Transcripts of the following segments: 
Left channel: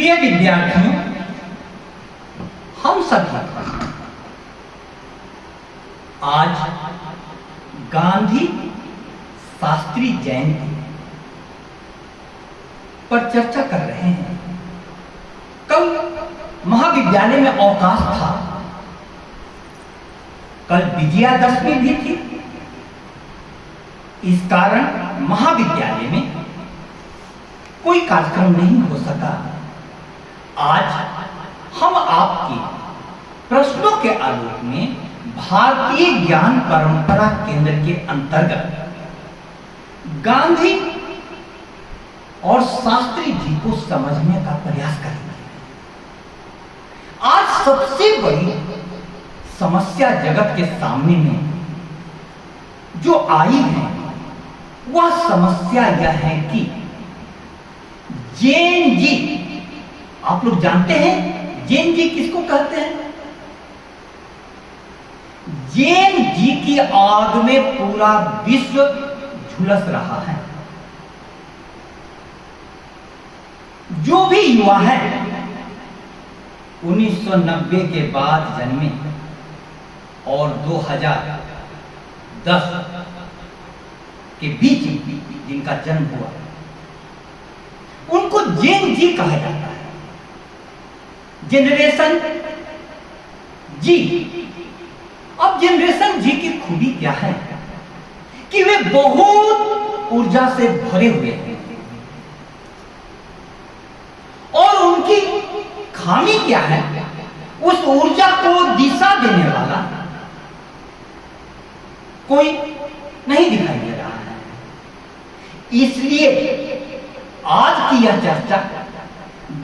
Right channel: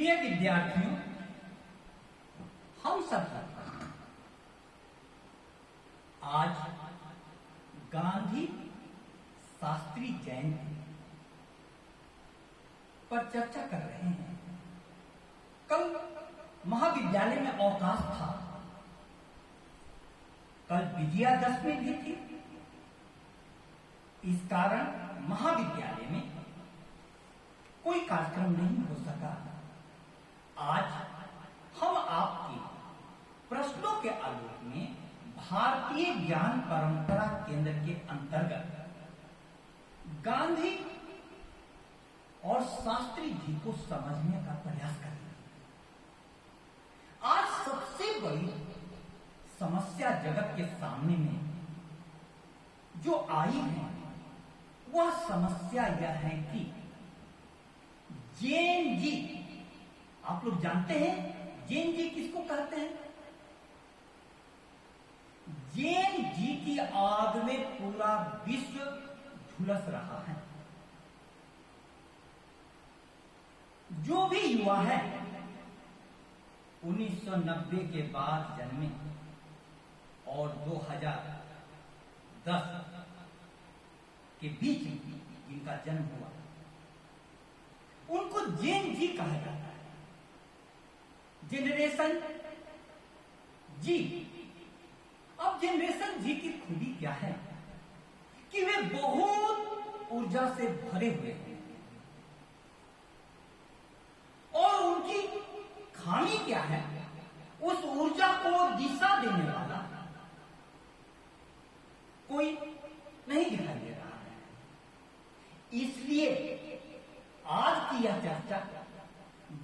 प्रिय विद्यार्थियों, हम सभी आज गांधी शास्त्री जयंती पर चर्चा कर रहे हैं। कल महाविद्यालय में अवकाश था, कल विजयादशमी भी थी। इस कारण महाविद्यालय में कोई कार्यक्रम नहीं हो सका। आज हम आपके प्रश्नों के आलोक में भारतीय ज्ञान परंपरा केंद्र के अंतर्गत गांधी और शास्त्री जी को समझने का प्रयास करेंगे। आज सबसे बड़ी समस्या जगत के सामने में जो आई है, वह समस्या यह है कि जैन जी, आप लोग जानते हैं जैन जी किसको कहते हैं? जैन जी की आग में पूरा विश्व झुलस रहा है। जो भी युवा है 1990 के बाद जन्मे और 2010 के बीच जिनका जन्म हुआ, उनको जैन जी कहा जाता है। जनरेशन जी। अब जनरेशन जी की खूबी क्या है कि वे बहुत ऊर्जा से भरे हुए हैं, और उनकी खामी क्या है? उस ऊर्जा को दिशा देने वाला कोई नहीं दिखाई दे रहा है। इसलिए आज की यह चर्चा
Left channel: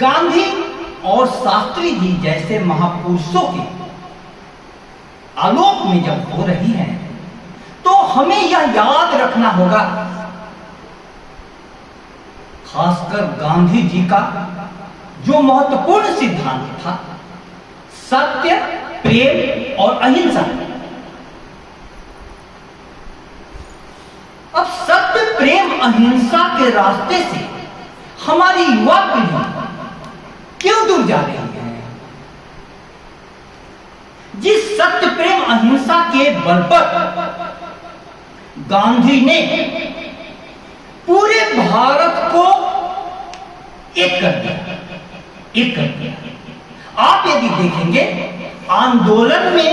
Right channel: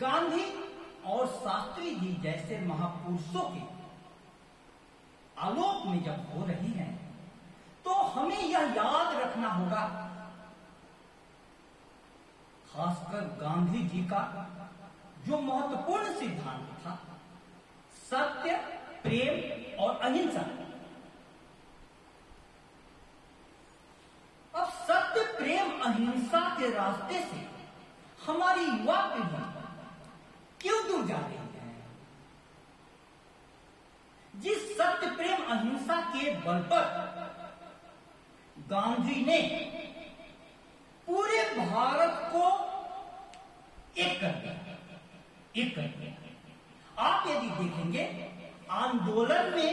गांधी और शास्त्री जी जैसे महापुरुषों के आलोक में जब हो रही है, तो हमें यह याद रखना होगा, खासकर गांधी जी का जो महत्वपूर्ण सिद्धांत था, सत्य, प्रेम और अहिंसा। अब सत्य, प्रेम, अहिंसा के रास्ते से हमारी युवा पीढ़ी क्यों दूर जा रही है? जिस सत्य, प्रेम, अहिंसा के बल पर गांधी ने पूरे भारत को एक कर दिया। आप यदि देखेंगे, आंदोलन में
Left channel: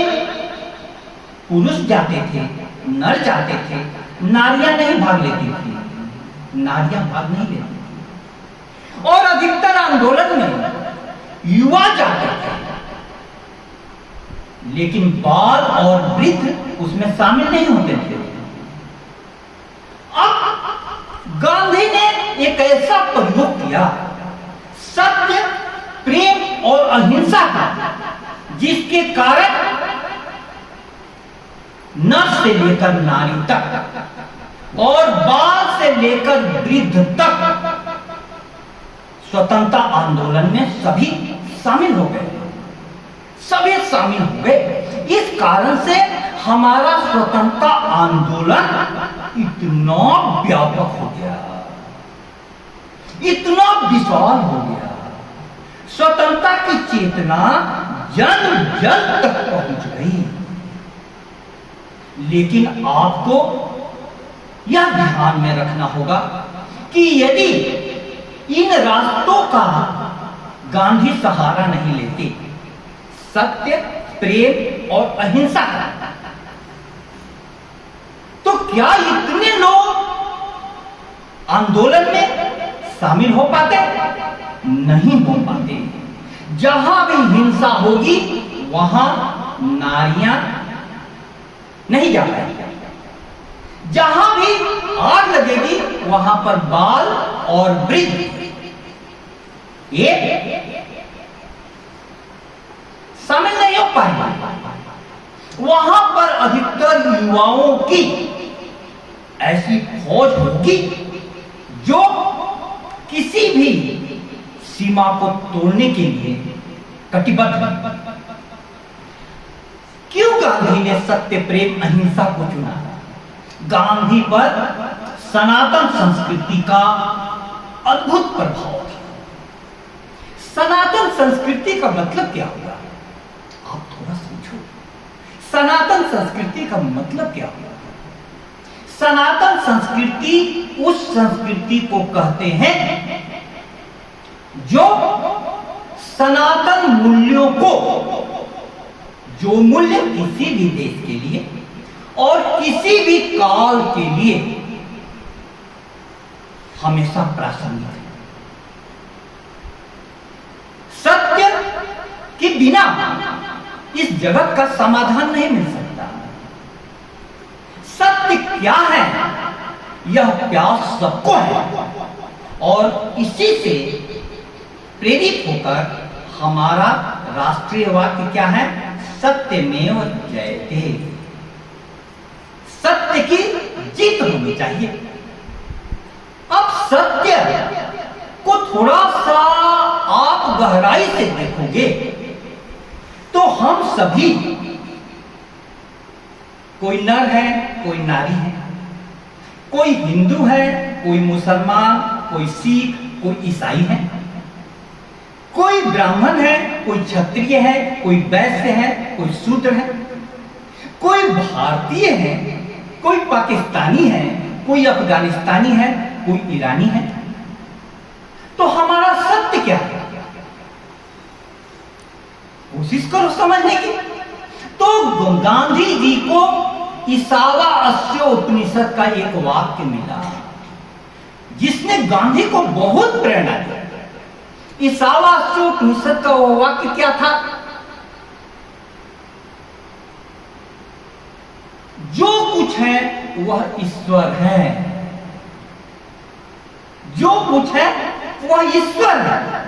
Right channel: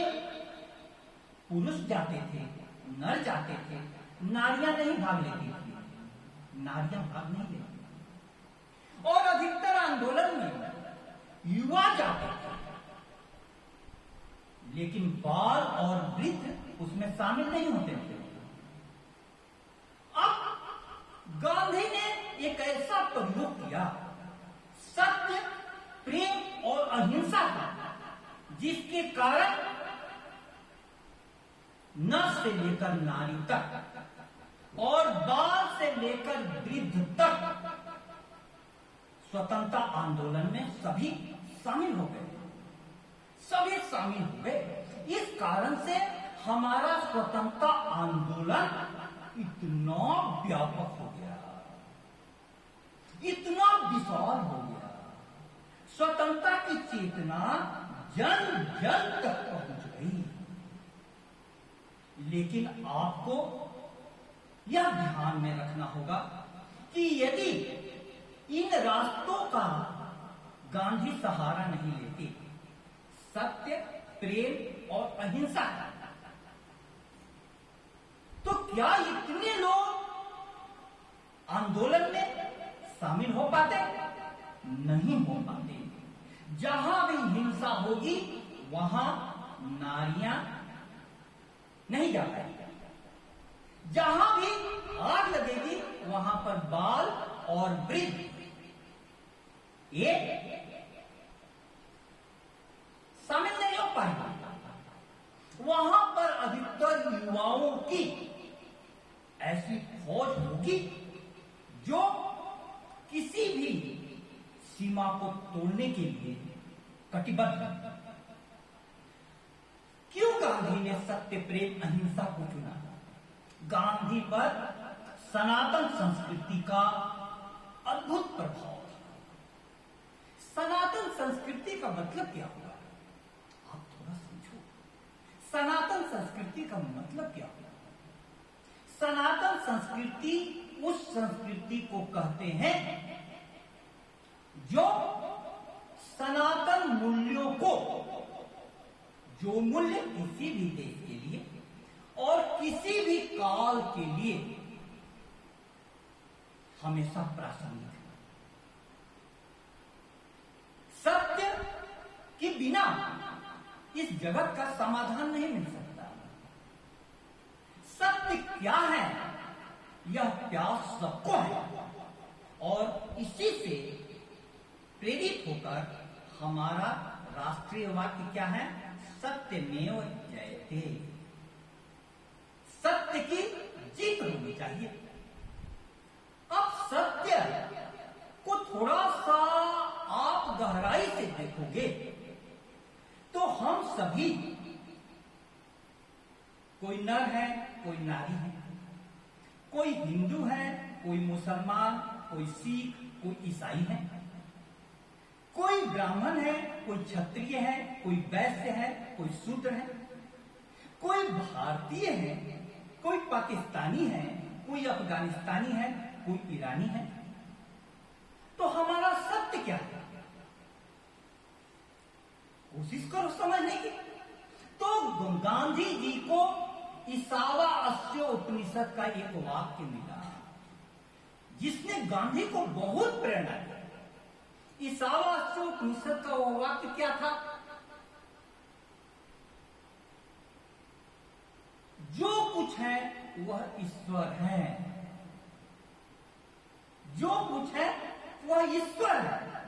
पुरुष जाते थे, नर जाते थे, नारियां नहीं भाग लेती थी, नारियां भाग नहीं लेती थी। और अधिकतर आंदोलन में युवा जाते थे, लेकिन बाल और वृद्ध उसमें शामिल नहीं होते थे। अब गांधी ने एक ऐसा प्रयोग किया, सत्य, प्रेम और अहिंसा का, जिसके कारण नर से लेकर नारी तक और बाल से लेकर वृद्ध तक स्वतंत्रता आंदोलन में सभी शामिल हो गए। इस कारण से हमारा स्वतंत्रता आंदोलन इतना व्यापक हो गया, इतना विशाल हो गया। स्वतंत्रता की चेतना जन जन तक पहुंच गई। लेकिन आपको यह ध्यान में रखना होगा कि यदि इन रास्तों का गांधी सहारा नहीं लेते, सत्य, प्रेम और अहिंसा का, तो क्या इतने लोग आंदोलन में शामिल हो पाते? नहीं हो पाते। जहां भी हिंसा होगी वहां नारियां नहीं जा पाएंगी, जहां भी आग लगेगी वहां पर बाल और वृद्ध ये शामिल नहीं हो पाएंगे। वहां पर अधिकतर युवाओं की ऐसी फौज होगी जो किसी भी सीमा को तोड़ने के लिए कटिबद्ध है। क्यों गांधी ने सत्य, प्रेम, अहिंसा को चुना? गांधी पर सनातन संस्कृति का अद्भुत प्रभाव था। सनातन संस्कृति का मतलब क्या हुआ? आप थोड़ा सोचो, सनातन संस्कृति का मतलब क्या हुआ? सनातन संस्कृति उस संस्कृति को कहते हैं जो सनातन मूल्यों को, जो मूल्य किसी भी देश के लिए और किसी भी काल के लिए हमेशा प्रासंगिक है। सत्य के बिना इस जगत का समाधान नहीं मिल सकता। सत्य क्या है, यह प्यास सबको है और इसी से प्रेरित होकर हमारा राष्ट्रीय वाक्य क्या है? सत्यमेव जयते। सत्य की जीत होनी चाहिए। अब सत्य को थोड़ा सा आप गहराई से देखोगे तो हम सभी, कोई नर है, कोई नारी है, कोई हिंदू है, कोई मुसलमान, कोई सिख, कोई ईसाई है, कोई ब्राह्मण है, कोई क्षत्रिय है, कोई वैश्य है, कोई शूद्र है, कोई भारतीय है, कोई पाकिस्तानी है, कोई अफगानिस्तानी है, कोई ईरानी है। तो हमारा सत्य क्या है? कोशिश करो समझने की। तो गांधी जी को ईशावास्य उपनिषद का एक वाक्य मिला जिसने गांधी को बहुत प्रेरणा दी। ईशावास्य उपनिषद का वो वाक्य क्या था? जो कुछ है वह ईश्वर है, जो कुछ है वह ईश्वर है।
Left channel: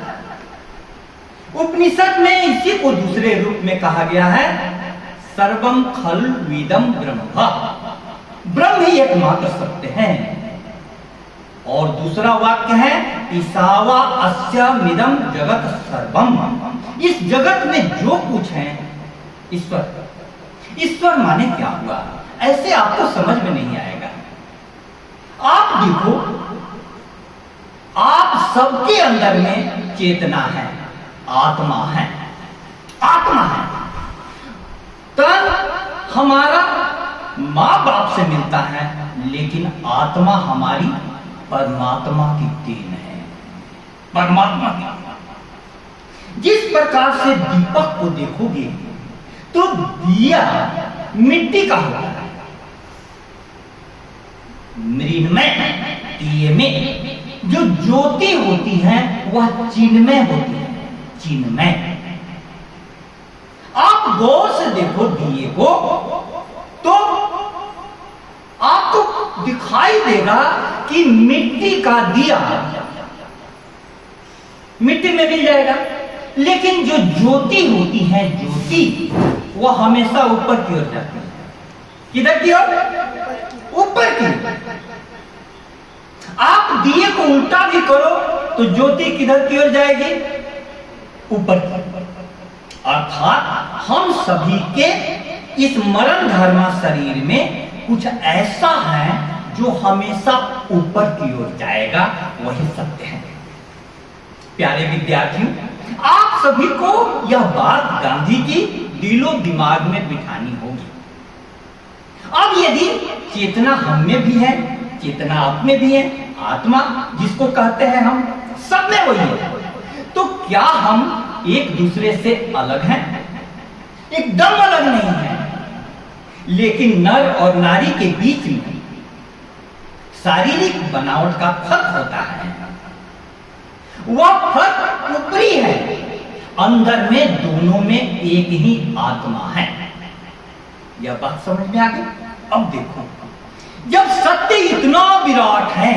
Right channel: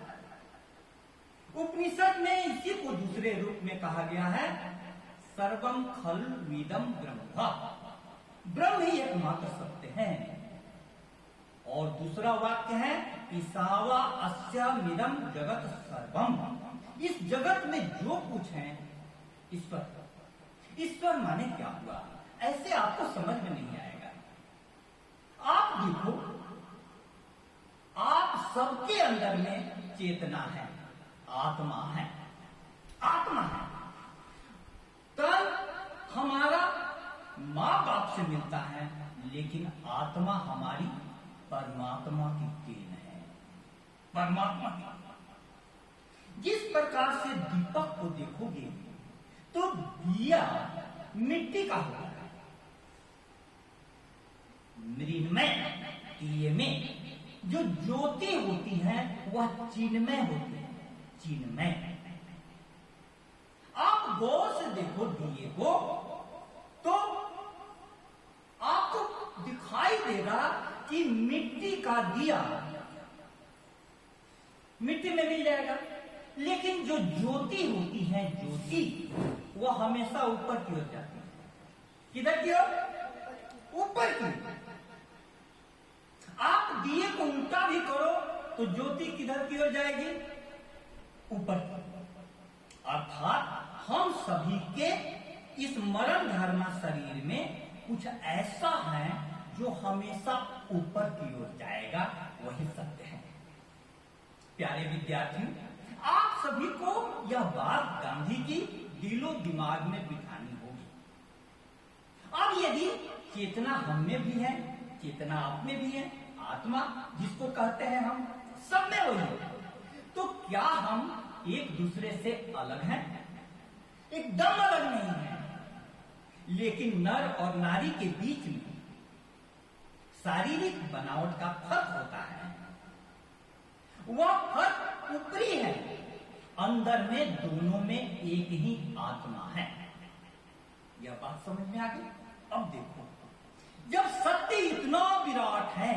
उपनिषद में इसी को दूसरे रूप में कहा गया है, सर्वम खल्विदम ब्रह्म। ब्रह्म ही एकमात्र सत्य है। और दूसरा वाक्य है, ईशावा अस्यमिदं जगत सर्वम। इस जगत में जो कुछ है ईश्वर। ईश्वर माने क्या हुआ? ऐसे आपको समझ में नहीं आएगा। आप देखो, आप सबके अंदर में चेतना है, आत्मा है, आत्मा है। तन हमारा माँ बाप से मिलता है, लेकिन आत्मा हमारी परमात्मा की देन है, परमात्मा की। जिस प्रकार से दीपक को देखोगे तो दिया मिट्टी का होता है, मृन्मय दिए में जो ज्योति होती है वह चिन्मय होती है, चिन्मय। आप गौर से देखो दिए को तो आपको दिखाई देगा कि मिट्टी का दिया मिट्टी में मिल जाएगा, लेकिन जो ज्योति होती है, ज्योति वह हमेशा ऊपर की ओर जाती है। किधर की ओर? ऊपर की। आप दिए को उल्टा भी करो तो ज्योति किधर की ओर जाएगी? ऊपर की। अर्थात हम सभी के इस मरण धर्मा शरीर में कुछ ऐसा है जो हमेशा ऊपर की ओर जाएगा, वही सत्य है। प्यारे विद्यार्थियों, आप सभी को यह बात गांधी की दिलो दिमाग में बिठानी होगी। अब यदि चेतना हम में भी है, चेतना आप में भी है, आत्मा जिसको कहते हैं हम, सब में वही है, तो क्या हम एक दूसरे से अलग हैं? एकदम अलग नहीं है। लेकिन नर और नारी के बीच में शारीरिक बनावट का फर्क होता है। वह फर्क ऊपरी है, अंदर में दोनों में एक ही आत्मा है। यह बात समझ में आ गई? अब देखो, जब सत्य इतना विराट है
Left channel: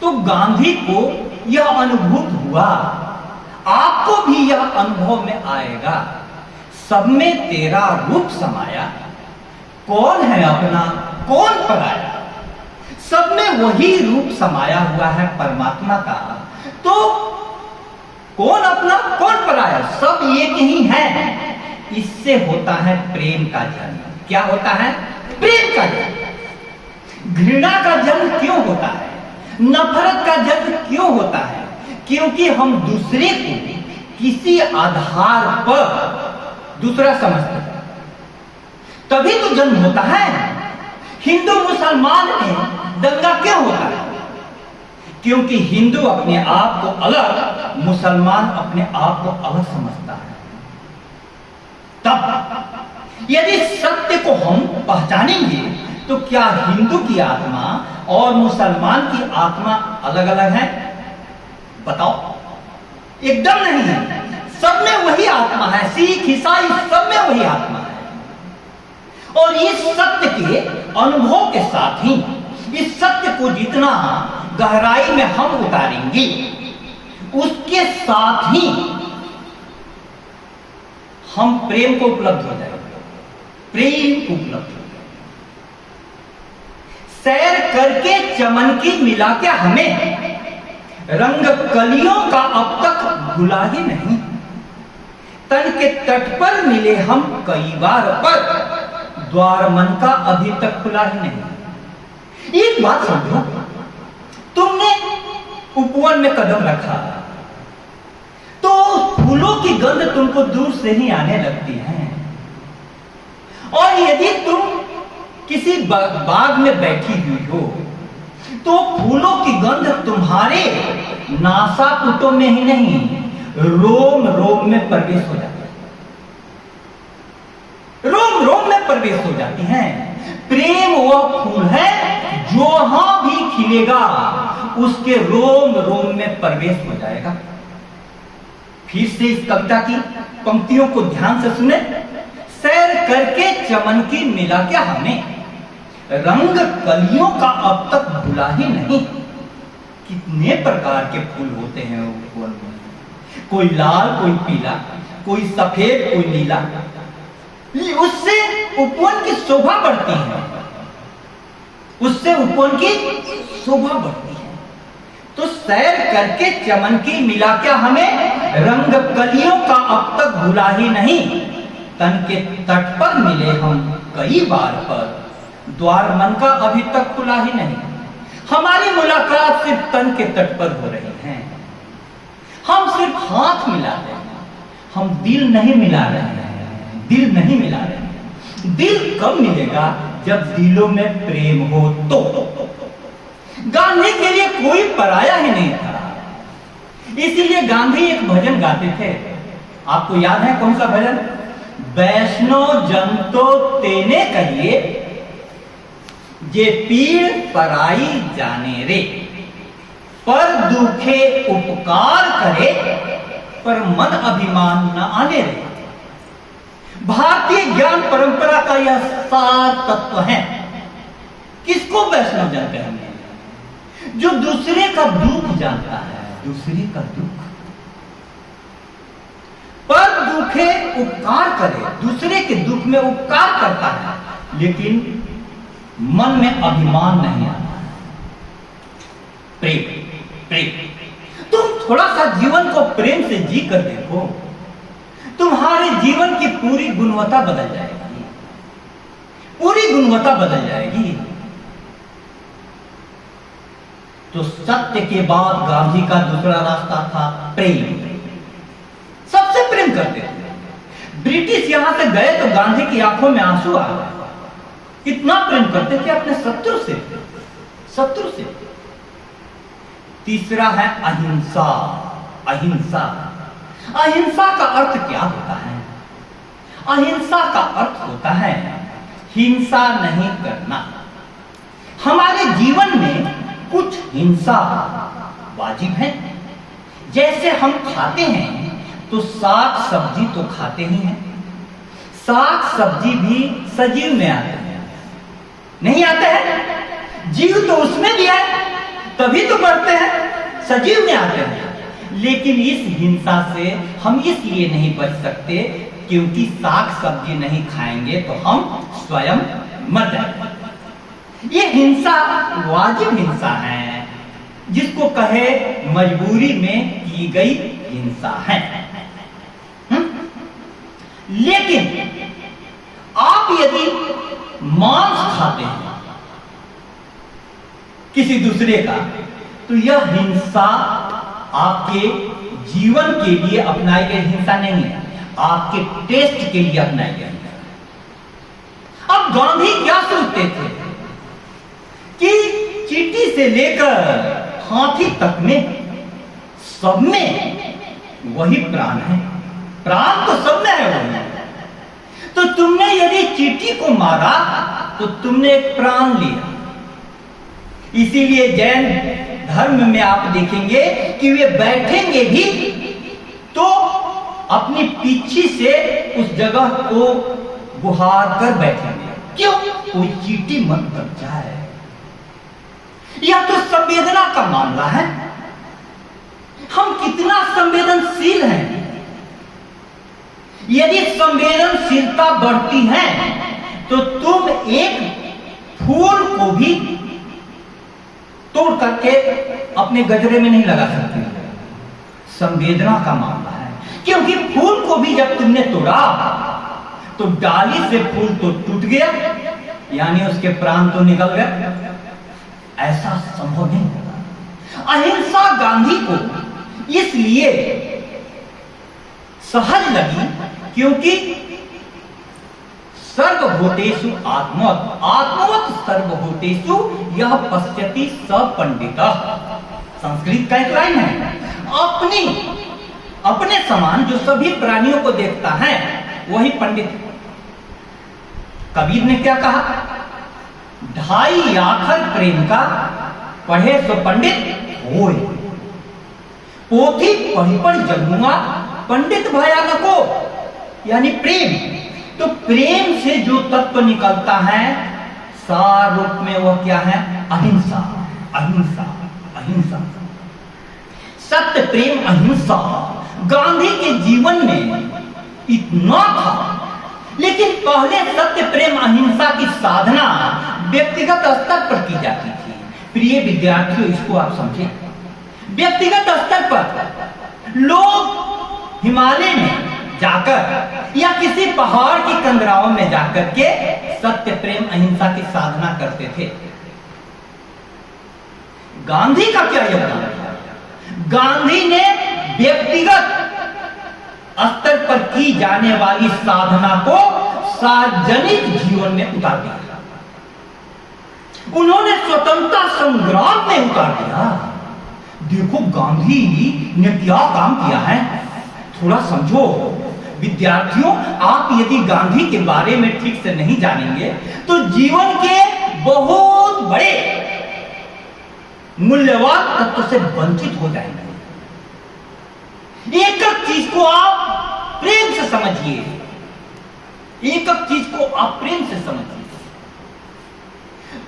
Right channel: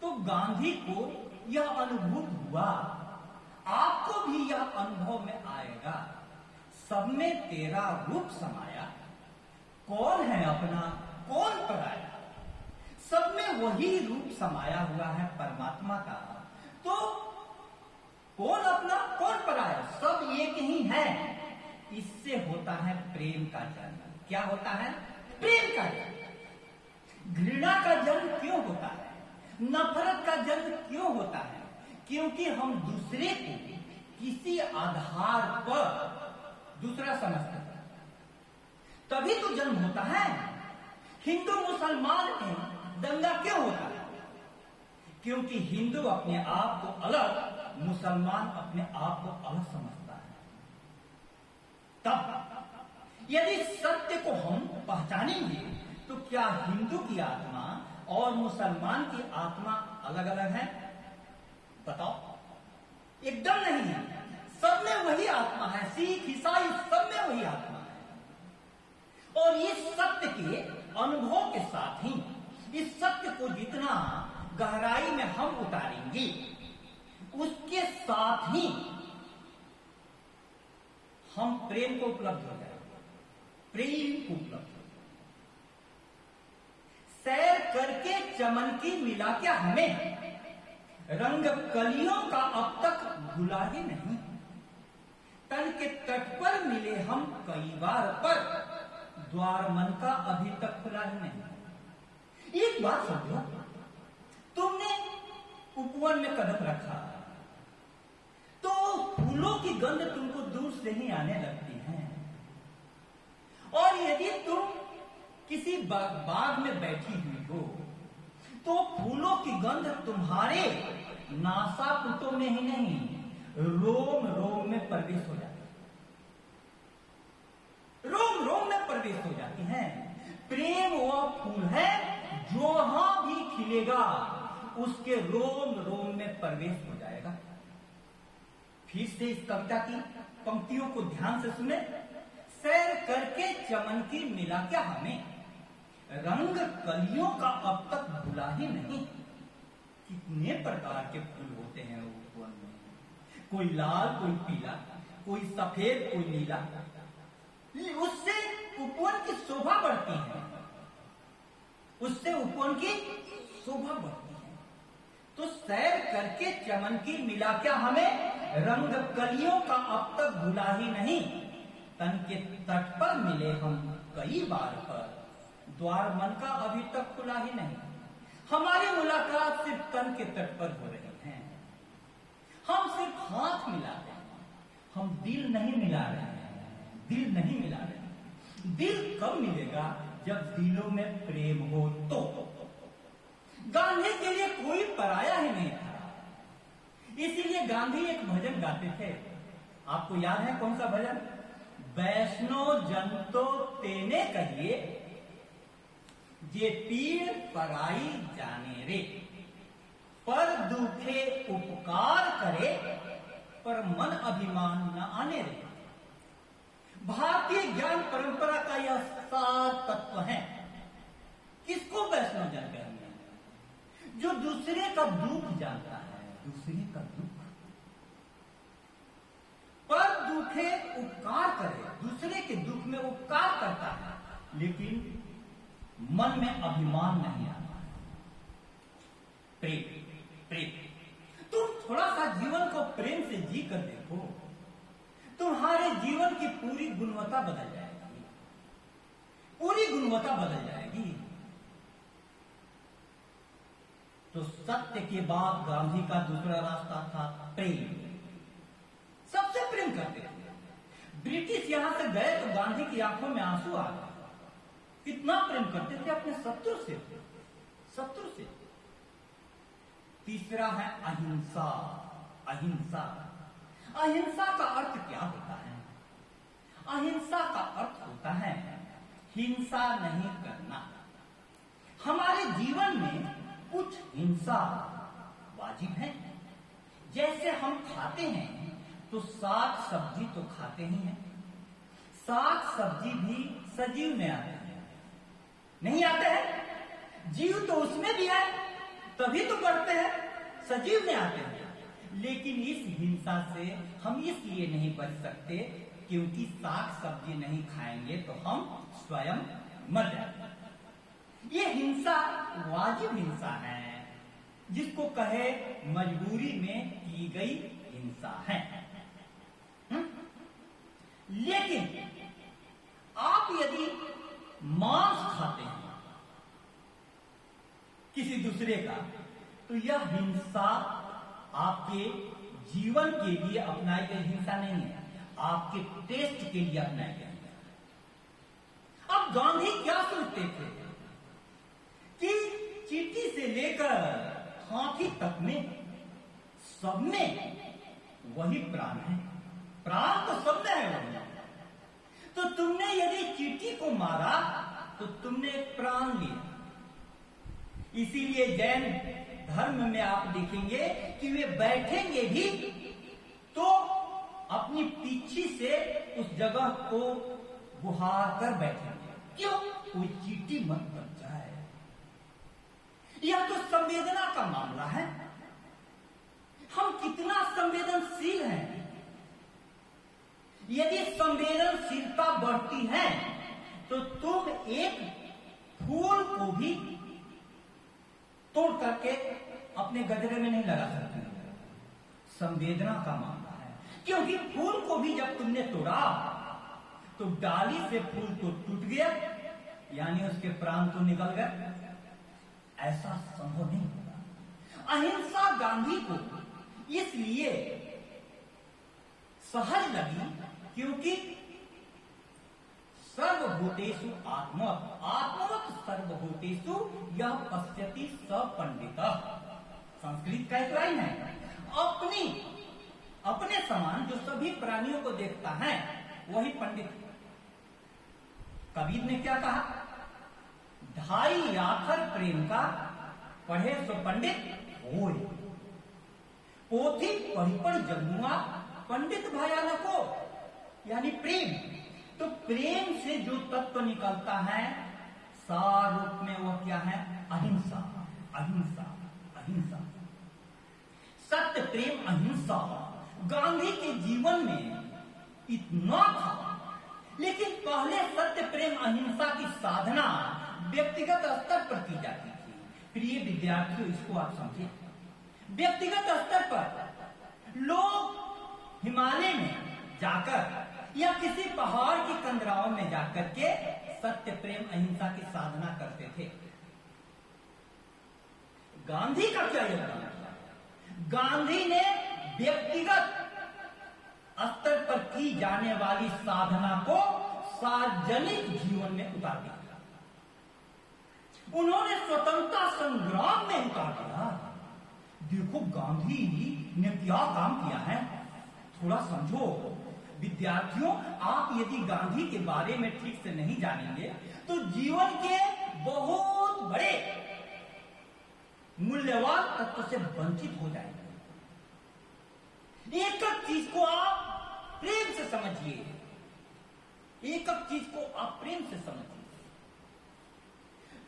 तो गांधी को यह अनुभूत हुआ, आपको भी यह अनुभव में आएगा, सब में तेरा रूप समाया, कौन है अपना कौन पराया। सब में वही रूप समाया हुआ है परमात्मा का, तो कौन अपना कौन पराया, सब एक ही है। इससे होता है प्रेम का जन्म। क्या होता है? प्रेम का जन्म। घृणा का जन्म क्यों होता है? नफरत का जन्म क्यों होता है? क्योंकि हम दूसरे को किसी आधार पर दूसरा समझते हैं, तभी तो जन्म होता है। हिंदू मुसलमान में दंगा क्यों होता है? क्योंकि हिंदू अपने आप को अलग, मुसलमान अपने आप को अलग समझता है। तब यदि सत्य को हम पहचानेंगे तो क्या हिंदू की आत्मा और मुसलमान की आत्मा अलग अलग है? बताओ, एकदम नहीं है। सब में वही आत्मा है, सिख ईसाई सब में वही आत्मा है। और इस सत्य के अनुभव के साथ ही इस सत्य को जितना गहराई में हम उतारेंगे, उसके साथ ही हम प्रेम को उपलब्ध हो जाएंगे, प्रेम को उपलब्ध हो जाएंगे। सैर करके चमन की मिला के हमें रंग कलियों का अब तक भुला ही नहीं। तन के तट पर मिले हम कई बार, पर द्वार मन का अभी तक खुला ही नहीं। एक बात समझो, तुमने उपवन में कदम रखा तो फूलों की गंध तुमको दूर से ही आने लगती है। और यदि तुम किसी बाग में बैठी हुई हो तो फूलों की गंध तुम्हारे नासापुटों में ही नहीं, रोम रोम में प्रवेश हो जाती है, रोम रोम में प्रवेश हो जाती है। प्रेम वह फूल है जो जहां भी खिलेगा उसके रोम रोम में प्रवेश हो जाएगा। फिर से इस कविता की पंक्तियों को ध्यान से सुने। सैर करके चमन की मिला के हमें रंग कलियों का अब तक भुला ही नहीं। कितने प्रकार के फूल होते हैं उपवन में, कोई लाल, कोई पीला, कोई सफेद, कोई नीला। उससे उपवन की शोभा बढ़ती है, उससे उपवन की शोभा बढ़ती है। तो सैर करके चमन की मिला क्या हमें रंग कलियों का अब तक भुला ही नहीं। तन के तट पर मिले हम कई बार, पर द्वार मन का अभी तक खुला ही नहीं। हमारी मुलाकात सिर्फ तन के तट पर हो रही है। हम सिर्फ हाथ मिला रहे हैं, हम दिल नहीं मिला रहे हैं, दिल नहीं मिला रहे हैं। दिल कब मिलेगा? जब दिलों में प्रेम हो तो। गांधी के लिए कोई पराया ही नहीं था, इसीलिए गांधी एक भजन गाते थे। आपको याद है कौन सा भजन? वैष्णव जन तो तेने कहिए, जे पीड़ पराई जाने रे, पर दुखे उपकार करे, पर मन अभिमान न आने रे। भारतीय ज्ञान परंपरा का यह सार तत्व है। किसको वैष्णव जन कहेंगे? जो दूसरे का दुख जानता है, दूसरे का दुख, पर दुखे उपकार करे, दूसरे के दुख में उपकार करता है, लेकिन मन में अभिमान नहीं आता। प्रेम, प्रेम। तुम थोड़ा सा जीवन को प्रेम से जी कर देखो, तुम्हारे जीवन की पूरी गुणवत्ता बदल जाएगी, पूरी गुणवत्ता बदल जाएगी। तो सत्य के बाद गांधी का दूसरा रास्ता था प्रेम। सबसे प्रेम करते थे। ब्रिटिश यहां से गए तो गांधी की आंखों में आंसू आ गए। कितना प्रेम करते थे अपने शत्रु से, शत्रु से। तीसरा है अहिंसा। अहिंसा, अहिंसा का अर्थ क्या होता है? अहिंसा का अर्थ होता है हिंसा नहीं करना। हमारे जीवन में कुछ हिंसा वाजिब है। जैसे हम खाते हैं तो साग सब्जी तो खाते ही हैं। साग सब्जी भी सजीव में आते हैं, नहीं आते हैं? जीव तो उसमें भी है, तभी तो बढ़ते हैं, सजीव में आते हैं। लेकिन इस हिंसा से हम इसलिए नहीं बच सकते क्योंकि साग सब्जी नहीं खाएंगे तो हम स्वयं मर जाएंगे। ये हिंसा वाजिब हिंसा है, जिसको कहे मजबूरी में की गई हिंसा है। लेकिन आप यदि मांस खाते हैं किसी दूसरे का, तो यह हिंसा आपके जीवन के लिए अपनाई गई हिंसा नहीं है, आपके टेस्ट के लिए अपनाई गई हिंसा। अब गांधी क्या सोचते थे कि चींटी से लेकर हाथी तक में सब में वही प्राण है, प्राण तो सब में है वही। तो तुमने यदि चींटी को मारा तो तुमने एक प्राण लिया। इसीलिए जैन धर्म में आप देखेंगे कि वे बैठेंगे भी तो अपनी पीछे से उस जगह को बुहार कर बैठेंगे। क्यों? कोई चींटी मत बन जाए। यह तो संवेदना का मामला है। हम कितना संवेदनशील हैं। यदि संवेदनशीलता बढ़ती है तो तुम एक फूल को भी तोड़ करके अपने गजरे में नहीं लगा सकते। संवेदना का मामला है, क्योंकि फूल को भी जब तुमने तोड़ा तो डाली से फूल तो टूट गया, यानी उसके प्राण तो निकल गए। ऐसा संभव नहीं होगा। अहिंसा गांधी को इसलिए सहज लगी क्योंकि सर्वभूतेषु आत्मवत् आत्मवत् सर्वभूतेषु यह पश्यति स पंडितः। संस्कृत का एक लाइन है। अपने समान जो सभी प्राणियों को देखता है वही पंडित। कबीर ने क्या कहा? ढाई आखर प्रेम का पढ़े सो पंडित होय। पोथी पढ़ी पढ़ जन्मुआ पंडित भया नको, यानी प्रेम। तो प्रेम से जो तत्व निकलता है सार रूप में वह क्या है? अहिंसा, अहिंसा, अहिंसा। सत्य प्रेम अहिंसा गांधी के जीवन में इतना था, लेकिन पहले सत्य प्रेम अहिंसा की साधना व्यक्तिगत स्तर पर की जाती थी। प्रिय विद्यार्थियों, इसको आप समझें। व्यक्तिगत स्तर पर लोग हिमालय में जाकर या किसी पहाड़ की कंदराओं में जाकर के सत्य प्रेम अहिंसा की साधना करते थे। गांधी का क्या योगदान था? गांधी ने व्यक्तिगत स्तर पर की जाने वाली साधना को सार्वजनिक जीवन में उतार दिया। उन्होंने स्वतंत्रता संग्राम में उतार दिया। देखो गांधी ने क्या काम किया है, थोड़ा समझो। विद्यार्थियों, आप यदि गांधी के बारे में ठीक से नहीं जानेंगे तो जीवन के बहुत बड़े मूल्यवान तत्व से वंचित हो जाएंगे। एक एक चीज को आप प्रेम से समझिए, एक एक चीज को आप प्रेम से समझिए।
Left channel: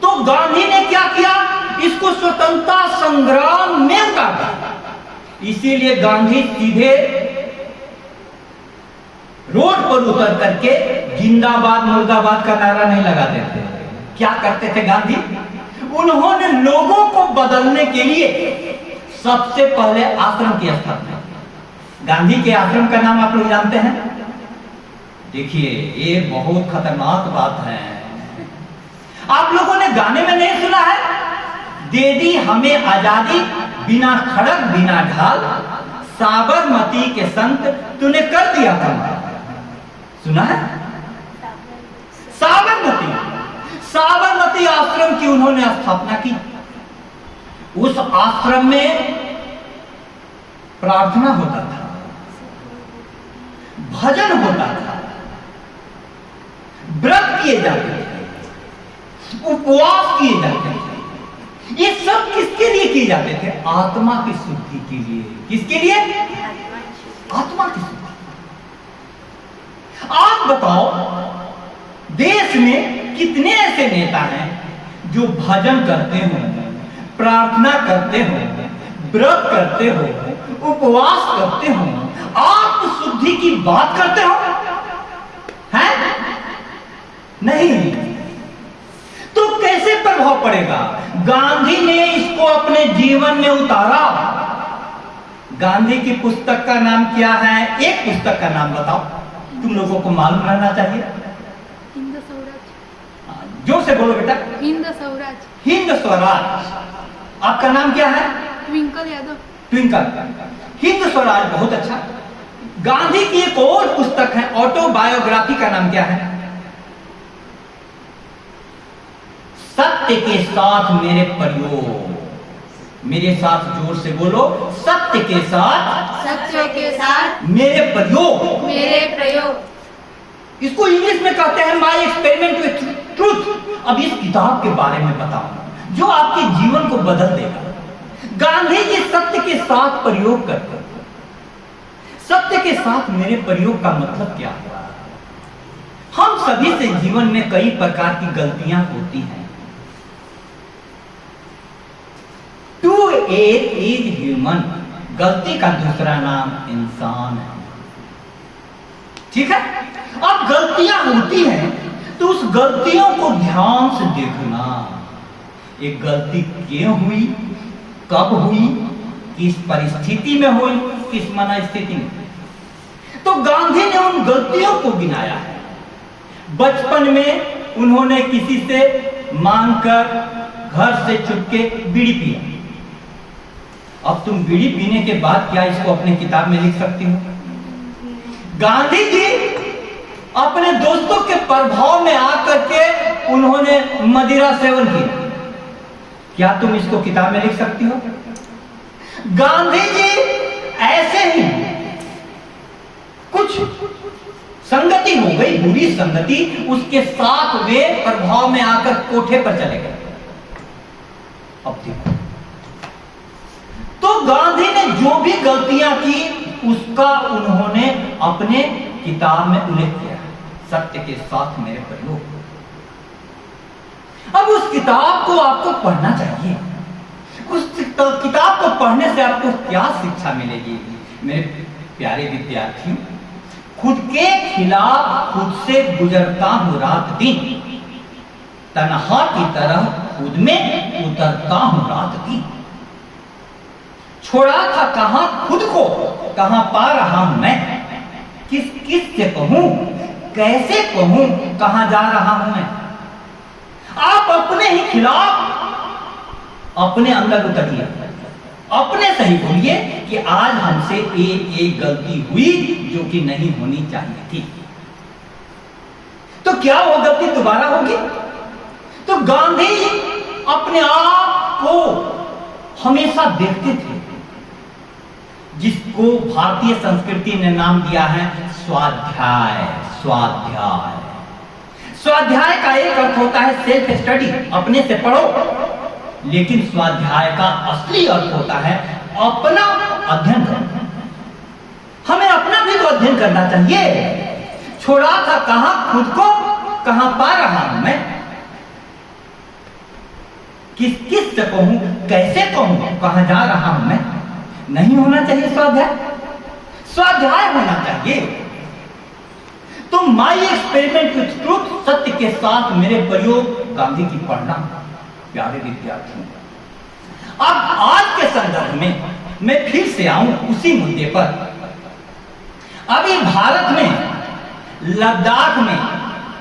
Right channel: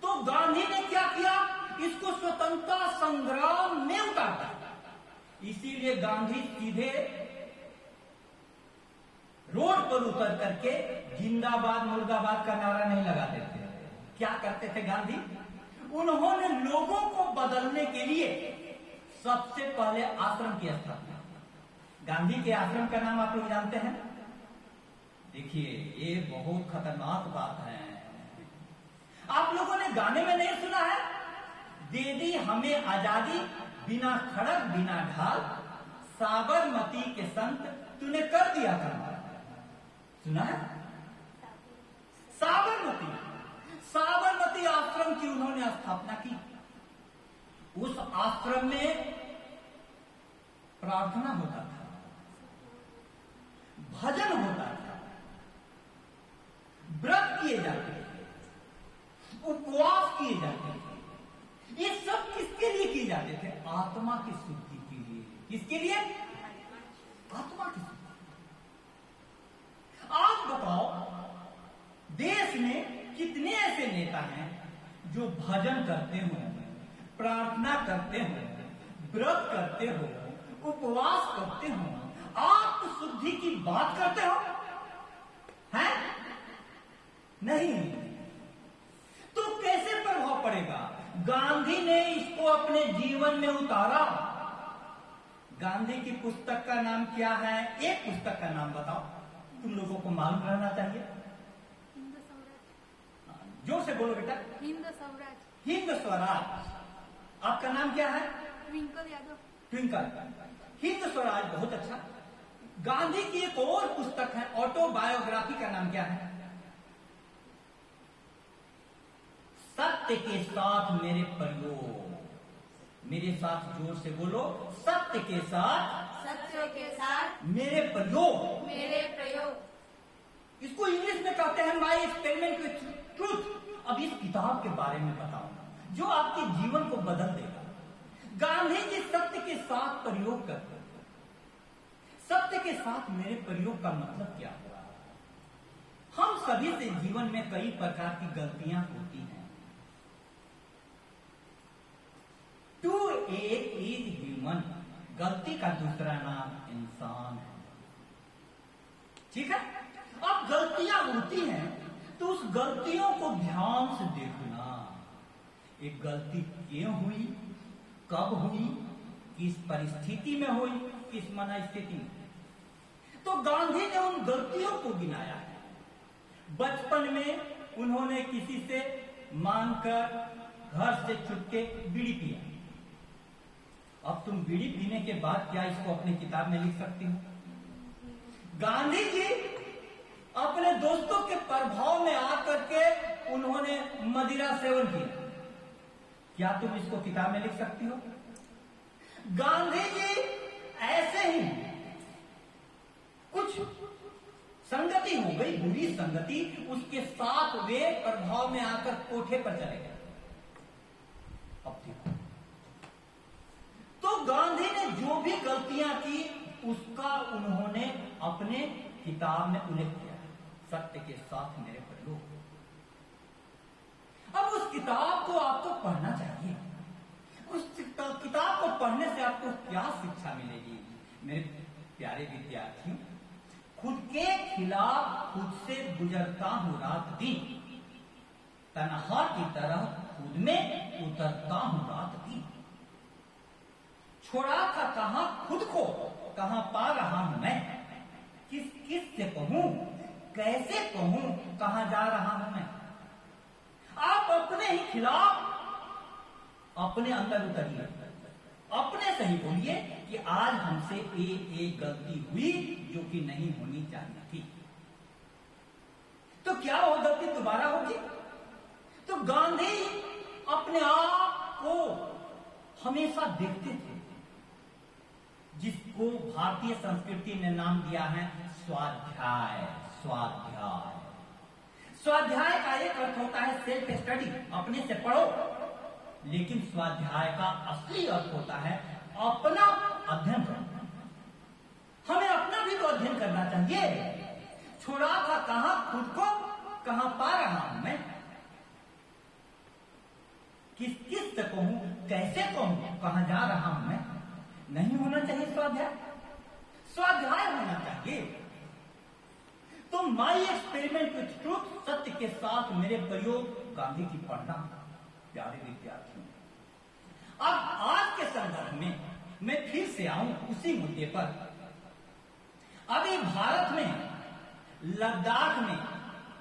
तो गांधी ने क्या किया? इसको स्वतंत्रता संग्राम में उतार दिया। इसीलिए गांधी सीधे रोड पर उतर करके जिंदाबाद मुर्दाबाद का नारा नहीं लगाते थे। क्या करते थे गांधी? उन्होंने लोगों को बदलने के लिए सबसे पहले आश्रम की स्थापना। गांधी के आश्रम का नाम आप लोग जानते हैं? देखिए, ये बहुत खतरनाक बात है। आप लोगों ने गाने में नहीं सुना है? दे दी हमें आजादी बिना खड़क बिना ढाल, साबरमती के संत तूने कर दिया कमाल। सुना है? साबरमती, साबरमती आश्रम की उन्होंने स्थापना की। उस आश्रम में प्रार्थना होता था, भजन होता था, व्रत किए जाते थे, उपवास किए जाते थे। ये सब किसके लिए किए जाते थे? आत्मा की शुद्धि के लिए। किसके लिए? आत्मा की शुद्धि। आप बताओ, देश में कितने ऐसे नेता हैं जो भजन करते हो, प्रार्थना करते हो, व्रत करते हो, उपवास करते हो, आत्म शुद्धि की बात करते हो? हैं? नहीं। तो कैसे प्रभाव पड़ेगा? गांधी ने इसको अपने जीवन में उतारा। गांधी की पुस्तक का नाम क्या है? एक पुस्तक का नाम बताओ, तुम लोगों को मालूम रहना चाहिए। हिंद स्वराज। जोर से बोलो बेटा। हिंद स्वराज। हिंद स्वराज। आपका नाम क्या है? ट्विंकल यादव। ट्विंकल। हिंद स्वराज बहुत अच्छा। गांधी की एक और पुस्तक है ऑटोबायोग्राफी, का नाम क्या है? सत्य के साथ मेरे प्रयोग। मेरे साथ जोर से बोलो, सत्य के साथ मेरे प्रयोग। इसको इंग्लिश में कहते हैं माय एक्सपेरिमेंट विथ ट्रूथ। अब इस किताब के बारे में बताऊं जो आपके जीवन को बदल देगा। गांधी जी सत्य के साथ प्रयोग करते। सत्य के साथ मेरे प्रयोग का मतलब क्या हुआ? हम सभी से जीवन में कई प्रकार की गलतियां होती हैं। To err is human. गलती का दूसरा नाम इंसान है। ठीक है? अब गलतियां होती हैं तो उस गलतियों को ध्यान से देखना। एक गलती क्यों हुई, कब हुई, किस परिस्थिति में हुई, किस मनस्थिति में। तो गांधी ने उन गलतियों को गिनाया है। बचपन में उन्होंने किसी से मांगकर घर से चुपके बीड़ी पिया। अब तुम बीड़ी पीने के बाद क्या इसको अपने किताब में लिख सकती हो? गांधी जी अपने दोस्तों के प्रभाव में आकर के उन्होंने मदिरा सेवन किया। क्या तुम इसको किताब में लिख सकती हो? गांधी जी ऐसे ही कुछ संगति हो गई, बुरी संगति, उसके साथ वे प्रभाव में आकर कोठे पर चले गए। अब देखो, तो गांधी ने जो भी गलतियां की उसका उन्होंने अपने किताब में उल्लेख किया। सत्य के साथ मेरे प्रयोग। अब उस किताब को आपको पढ़ना चाहिए। उस किताब को पढ़ने से आपको क्या शिक्षा मिलेगी? मेरे प्यारे विद्यार्थियों, खुद के खिलाफ खुद से गुजरता हूं रात दिन, तन्हा की तरह खुद में उतरता हूं रात दिन। छोड़ा था कहां खुद को, कहां पा रहा हूं मैं। किस किस से कहूं, कैसे कहूं, कहां जा रहा हूं मैं। आप अपने ही खिलाफ अपने अंदर उतरिए, अपने से ही बोलिए कि आज हमसे एक गलती हुई जो कि नहीं होनी चाहिए थी। तो क्या वो गलती दोबारा होगी? तो गांधी अपने आप को हमेशा देखते थे, जिसको भारतीय संस्कृति ने नाम दिया है स्वाध्याय। स्वाध्याय स्वाध्याय का एक अर्थ होता है सेल्फ स्टडी, अपने से पढ़ो। लेकिन स्वाध्याय का असली अर्थ होता है अपना अध्ययन करना। हमें अपना भी तो अध्ययन करना चाहिए। छोड़ा था कहां खुद को, कहां पा रहा हूं मैं। किस किस से कहूं, कैसे कहूं, कहां जा रहा हूं मैं। नहीं होना चाहिए स्वाध्याय। स्वाध्याय होना चाहिए। तो माय एक्सपेरिमेंट विथ ट्रूथ, सत्य के साथ मेरे प्रयोग, गांधी की पढ़ना। प्यारे विद्यार्थियों, अब आज के संदर्भ में मैं फिर से आऊं उसी मुद्दे पर। अभी भारत में लद्दाख में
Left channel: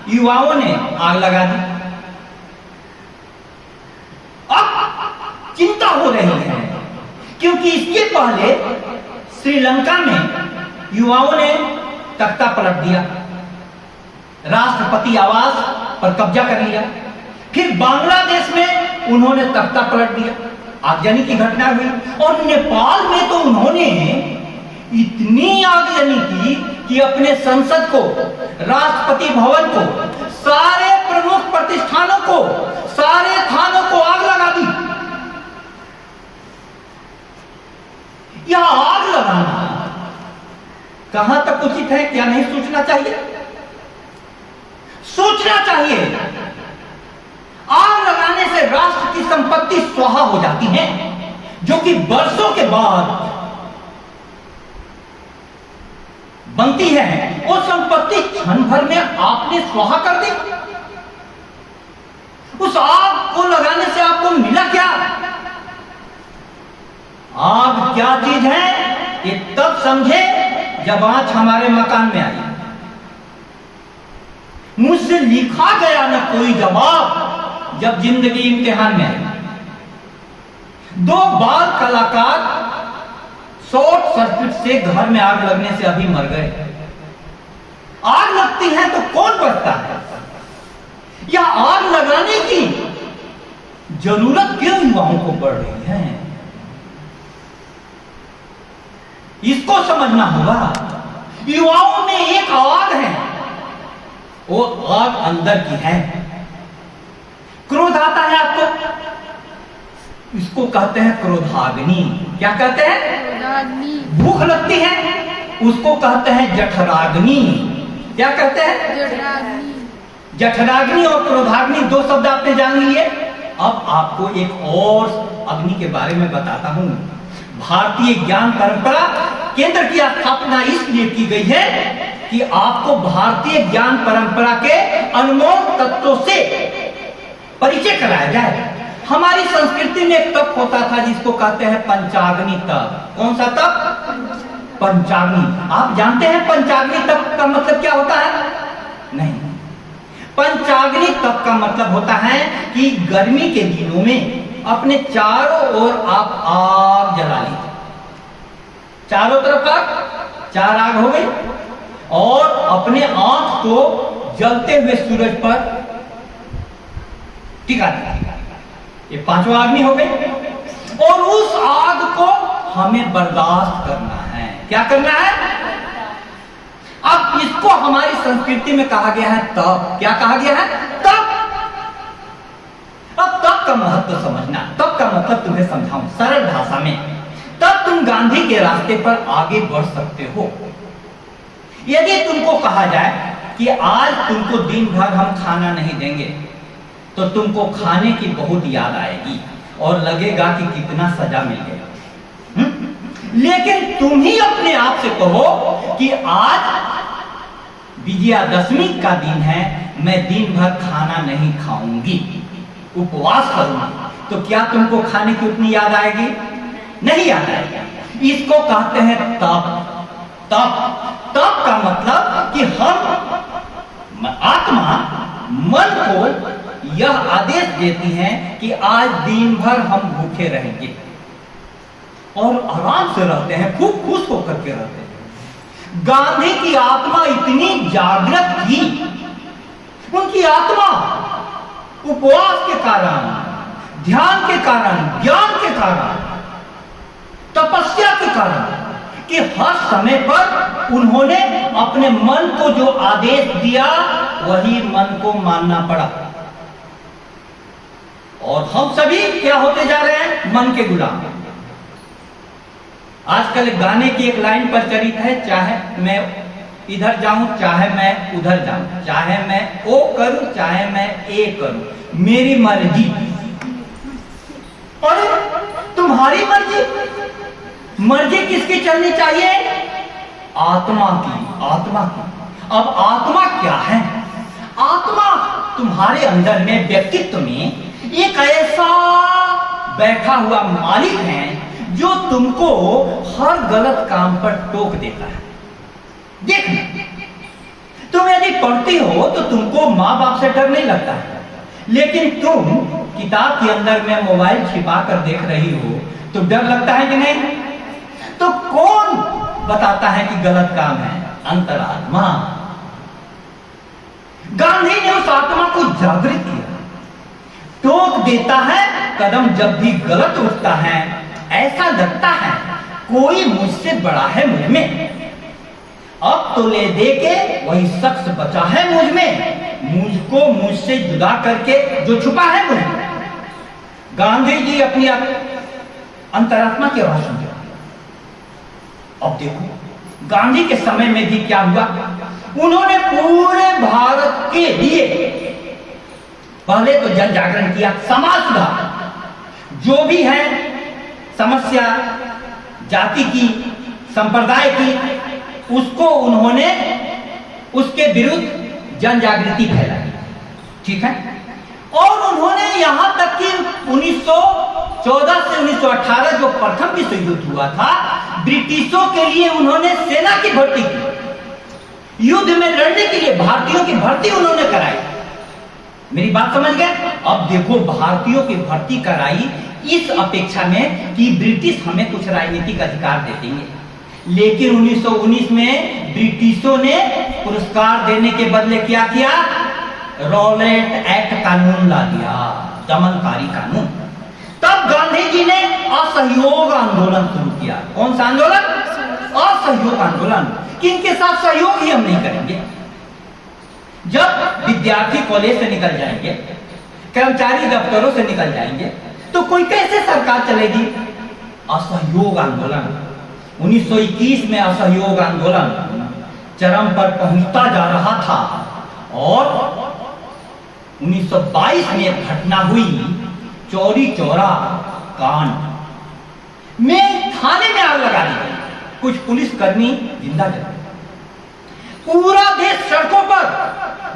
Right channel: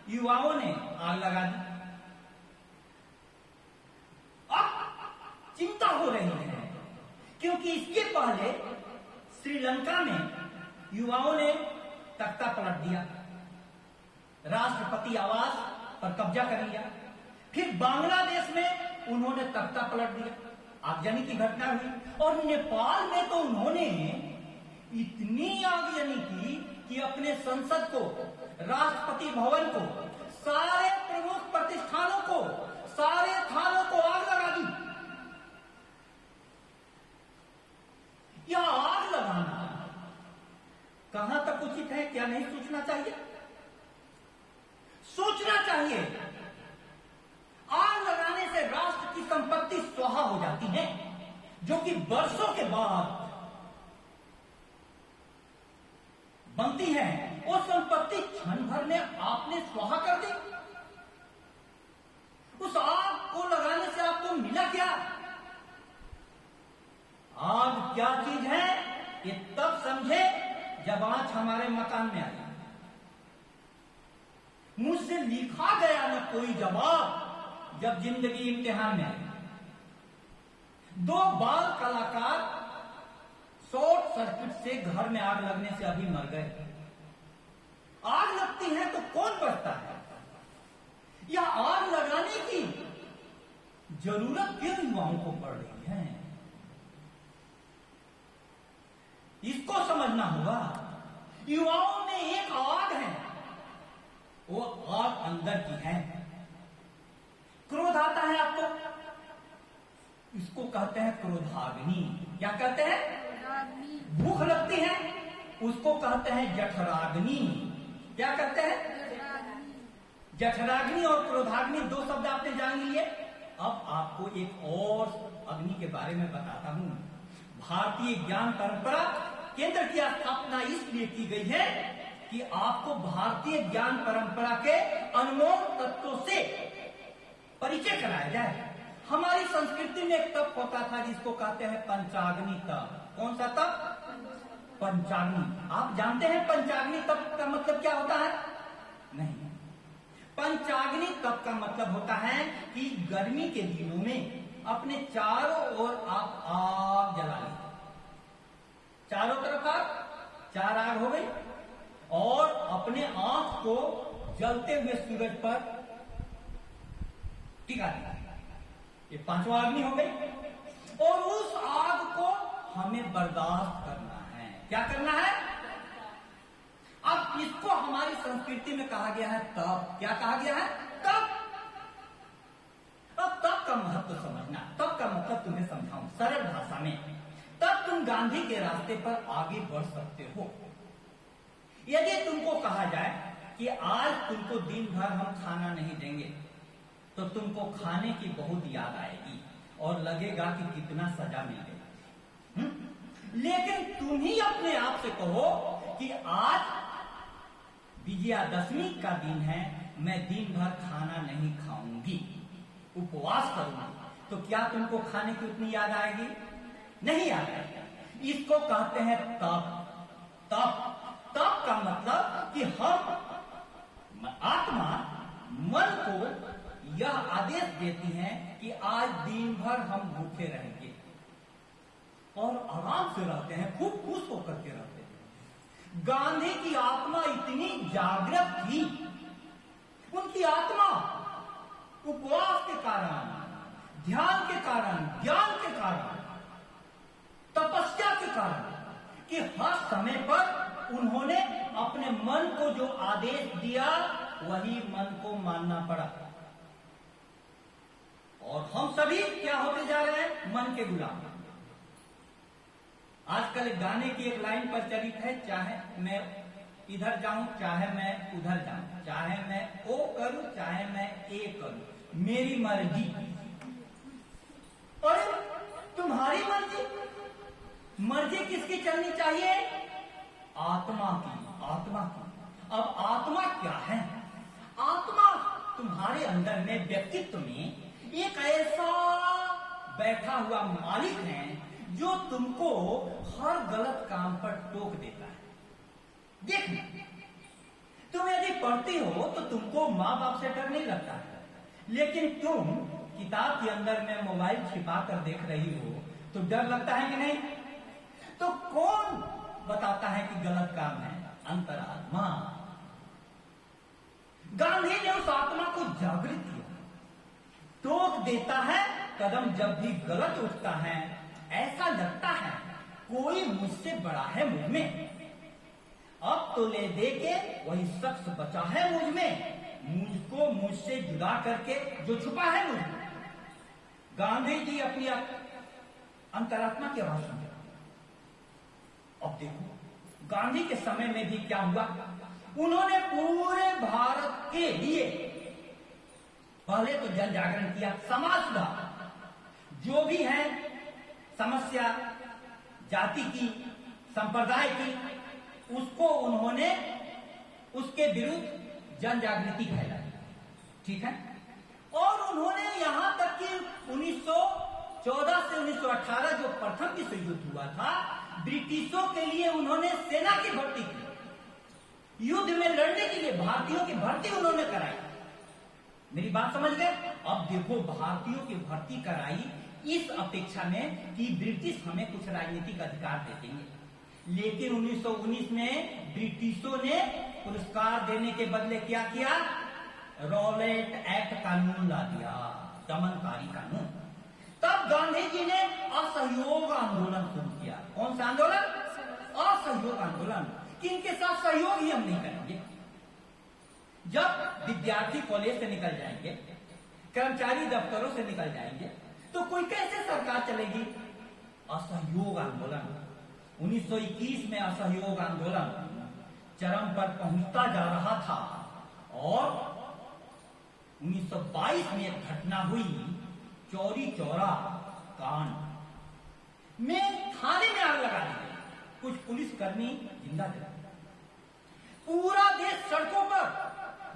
युवाओं ने आग लगा दी। अब चिंता हो रही है क्योंकि इसके पहले श्रीलंका में युवाओं ने तख्ता पलट दिया, राष्ट्रपति आवास पर कब्जा कर लिया। फिर बांग्लादेश में उन्होंने तख्ता पलट दिया, आगजनी की घटना हुई। और नेपाल में तो उन्होंने इतनी आगजनी की कि अपने संसद को, राष्ट्रपति भवन को, सारे प्रमुख प्रतिष्ठानों को, सारे थानों को आग लगा दी। यह आग लगाना कहां तक उचित है? क्या नहीं सोचना चाहिए? सोचना चाहिए। आग लगाने से राष्ट्र की संपत्ति स्वाहा हो जाती है, जो कि वर्षों के बाद बनती है। वो संपत्ति क्षण भर में आपने स्वाहा कर दी। उस आग को लगाने से आपको मिला क्या? आग क्या चीज है ये तब समझे जब आंच हमारे मकान में आई। मुझसे लिखा गया न कोई जवाब जब जिंदगी इम्तिहान में आई। दो बाल कलाकार शॉर्ट सर्किट से घर में आग लगने से अभी मर गए। आग लगती है तो कौन बचता है? या आग लगाने की जरूरत क्यों युवाओं को पड़ रही है? इसको समझना होगा। युवाओं में एक आग है, वो आग अंदर की है। क्रोध आता है आपको, इसको कहते हैं क्रोधाग्नि। क्या कहते हैं? क्रोधाग्नि। भूख लगती है, उसको कहते हैं जठराग्नि। क्या कहते हैं? जठराग्नि। जठराग्नि और क्रोधाग्नि दो शब्द आपने जान लिए। अब आपको एक और अग्नि के बारे में बताता हूं। भारतीय ज्ञान परंपरा केंद्र की स्थापना इसलिए की गई है कि आपको भारतीय ज्ञान परंपरा के अनमोल तत्वों से परिचय कराया जाए। हमारी संस्कृति में एक तप होता था जिसको कहते हैं पंचाग्नि तप। कौन सा तप? पंचाग्नि। आप जानते हैं पंचाग्नि तप का मतलब क्या होता है? नहीं। पंचाग्नि तप का मतलब होता है कि गर्मी के दिनों में अपने चारों ओर आप आग जला लीजिए। चारों तरफ आग, 4 आग हो गई, और अपने आंख को जलते हुए सूरज पर टिका दिया। ये 5वां अग्नि हो गई। और उस आग को हमें बर्दाश्त करना है। क्या करना है? अब इसको हमारी संस्कृति में कहा गया है तप। क्या कहा गया है? तप। अब तप का महत्व समझना। तप का मतलब तुम्हें समझाऊं सरल भाषा में। तब तुम गांधी के रास्ते पर आगे बढ़ सकते हो। यदि तुमको कहा जाए कि आज तुमको दिन भर हम खाना नहीं देंगे, तो तुमको खाने की बहुत याद आएगी और लगेगा कि कितना सजा मिल गया। लेकिन तुम ही अपने आप से कहो कि आज विजयादशमी का दिन है, मैं दिन भर खाना नहीं खाऊंगी, उपवास करूंगी, तो क्या तुमको खाने की उतनी याद आएगी? नहीं याद आएगी। इसको कहते हैं तप। तप तप का मतलब कि हम आत्मा मन को यह आदेश देती है कि आज दिन भर हम भूखे रहेंगे, और आराम से रहते हैं, खूब खुश होकर के रहते हैं। गांधी की आत्मा इतनी जागृत थी, उनकी आत्मा उपवास के कारण, ध्यान के कारण, ज्ञान के कारण, तपस्या के कारण, कि हर समय पर उन्होंने अपने मन को जो आदेश दिया वही मन को मानना पड़ा। और हम सभी क्या होते जा रहे हैं? मन के गुलाम। आजकल गाने की एक लाइन प्रचलित है, चाहे मैं इधर जाऊं, चाहे मैं उधर जाऊं, चाहे मैं ओ करूं, चाहे मैं ए करूं, मेरी मर्जी। और तुम्हारी मर्जी? मर्जी किसकी चलनी चाहिए? आत्मा की। आत्मा की। अब आत्मा क्या है? आत्मा तुम्हारे अंदर में, व्यक्तित्व में एक ऐसा बैठा हुआ मालिक है जो तुमको हर गलत काम पर टोक देता है। देखना, तुम यदि पढ़ती हो तो तुमको माँ बाप से डर नहीं लगता है, लेकिन तुम किताब के अंदर में मोबाइल छिपा कर देख रही हो तो डर लगता है कि नहीं? तो कौन बताता है कि गलत काम है? अंतरात्मा। गांधी ने उस आत्मा को जागृत किया, टोक देता है कदम जब भी गलत उठता है। ऐसा लगता है कोई मुझसे बड़ा है मुझ में, अब तो ले दे के वही शख्स बचा है मुझ में, मुझको मुझसे जुदा करके जो छुपा है मुझ में। गांधी जी अपनी अंतरात्मा की आवाज सुनते। अब देखो गांधी के समय में भी क्या हुआ, उन्होंने पूरे भारत के लिए पहले तो जन जागरण किया, समाज सुधार। जो भी है समस्या जाति की, संप्रदाय की, उसको उन्होंने उसके विरुद्ध जन जागृति फैलाई। ठीक है। और उन्होंने यहां तक कि 1914 से 1918 जो प्रथम विश्व युद्ध हुआ था, ब्रिटिशों के लिए उन्होंने सेना की भर्ती की। युद्ध में लड़ने के लिए भारतीयों की भर्ती उन्होंने कराई। मेरी बात समझ गए? अब देखो भारतीयों की भर्ती कराई इस अपेक्षा में कि ब्रिटिश हमें कुछ राजनीतिक अधिकार दे देंगे। लेकिन 1919 में ब्रिटिशों ने पुरस्कार देने के बदले क्या किया? रॉलेट एक्ट कानून ला दिया, दमनकारी कानून। तब गांधी जी ने असहयोग आंदोलन शुरू किया। कौन सा आंदोलन? असहयोग आंदोलन। किनके साथ सहयोग ही हम नहीं करेंगे। जब विद्यार्थी कॉलेज से निकल जाएंगे, कर्मचारी दफ्तरों से निकल जाएंगे, तो कोई कैसे सरकार चलेगी? असहयोग आंदोलन। 1921 में असहयोग आंदोलन चरम पर पहुंचता जा रहा था और 1922 में एक घटना हुई, चौरी चौरा कांड में थाने में आग लगा दी गई, कुछ पुलिसकर्मी जिंदा जल गए। पूरा देश सड़कों पर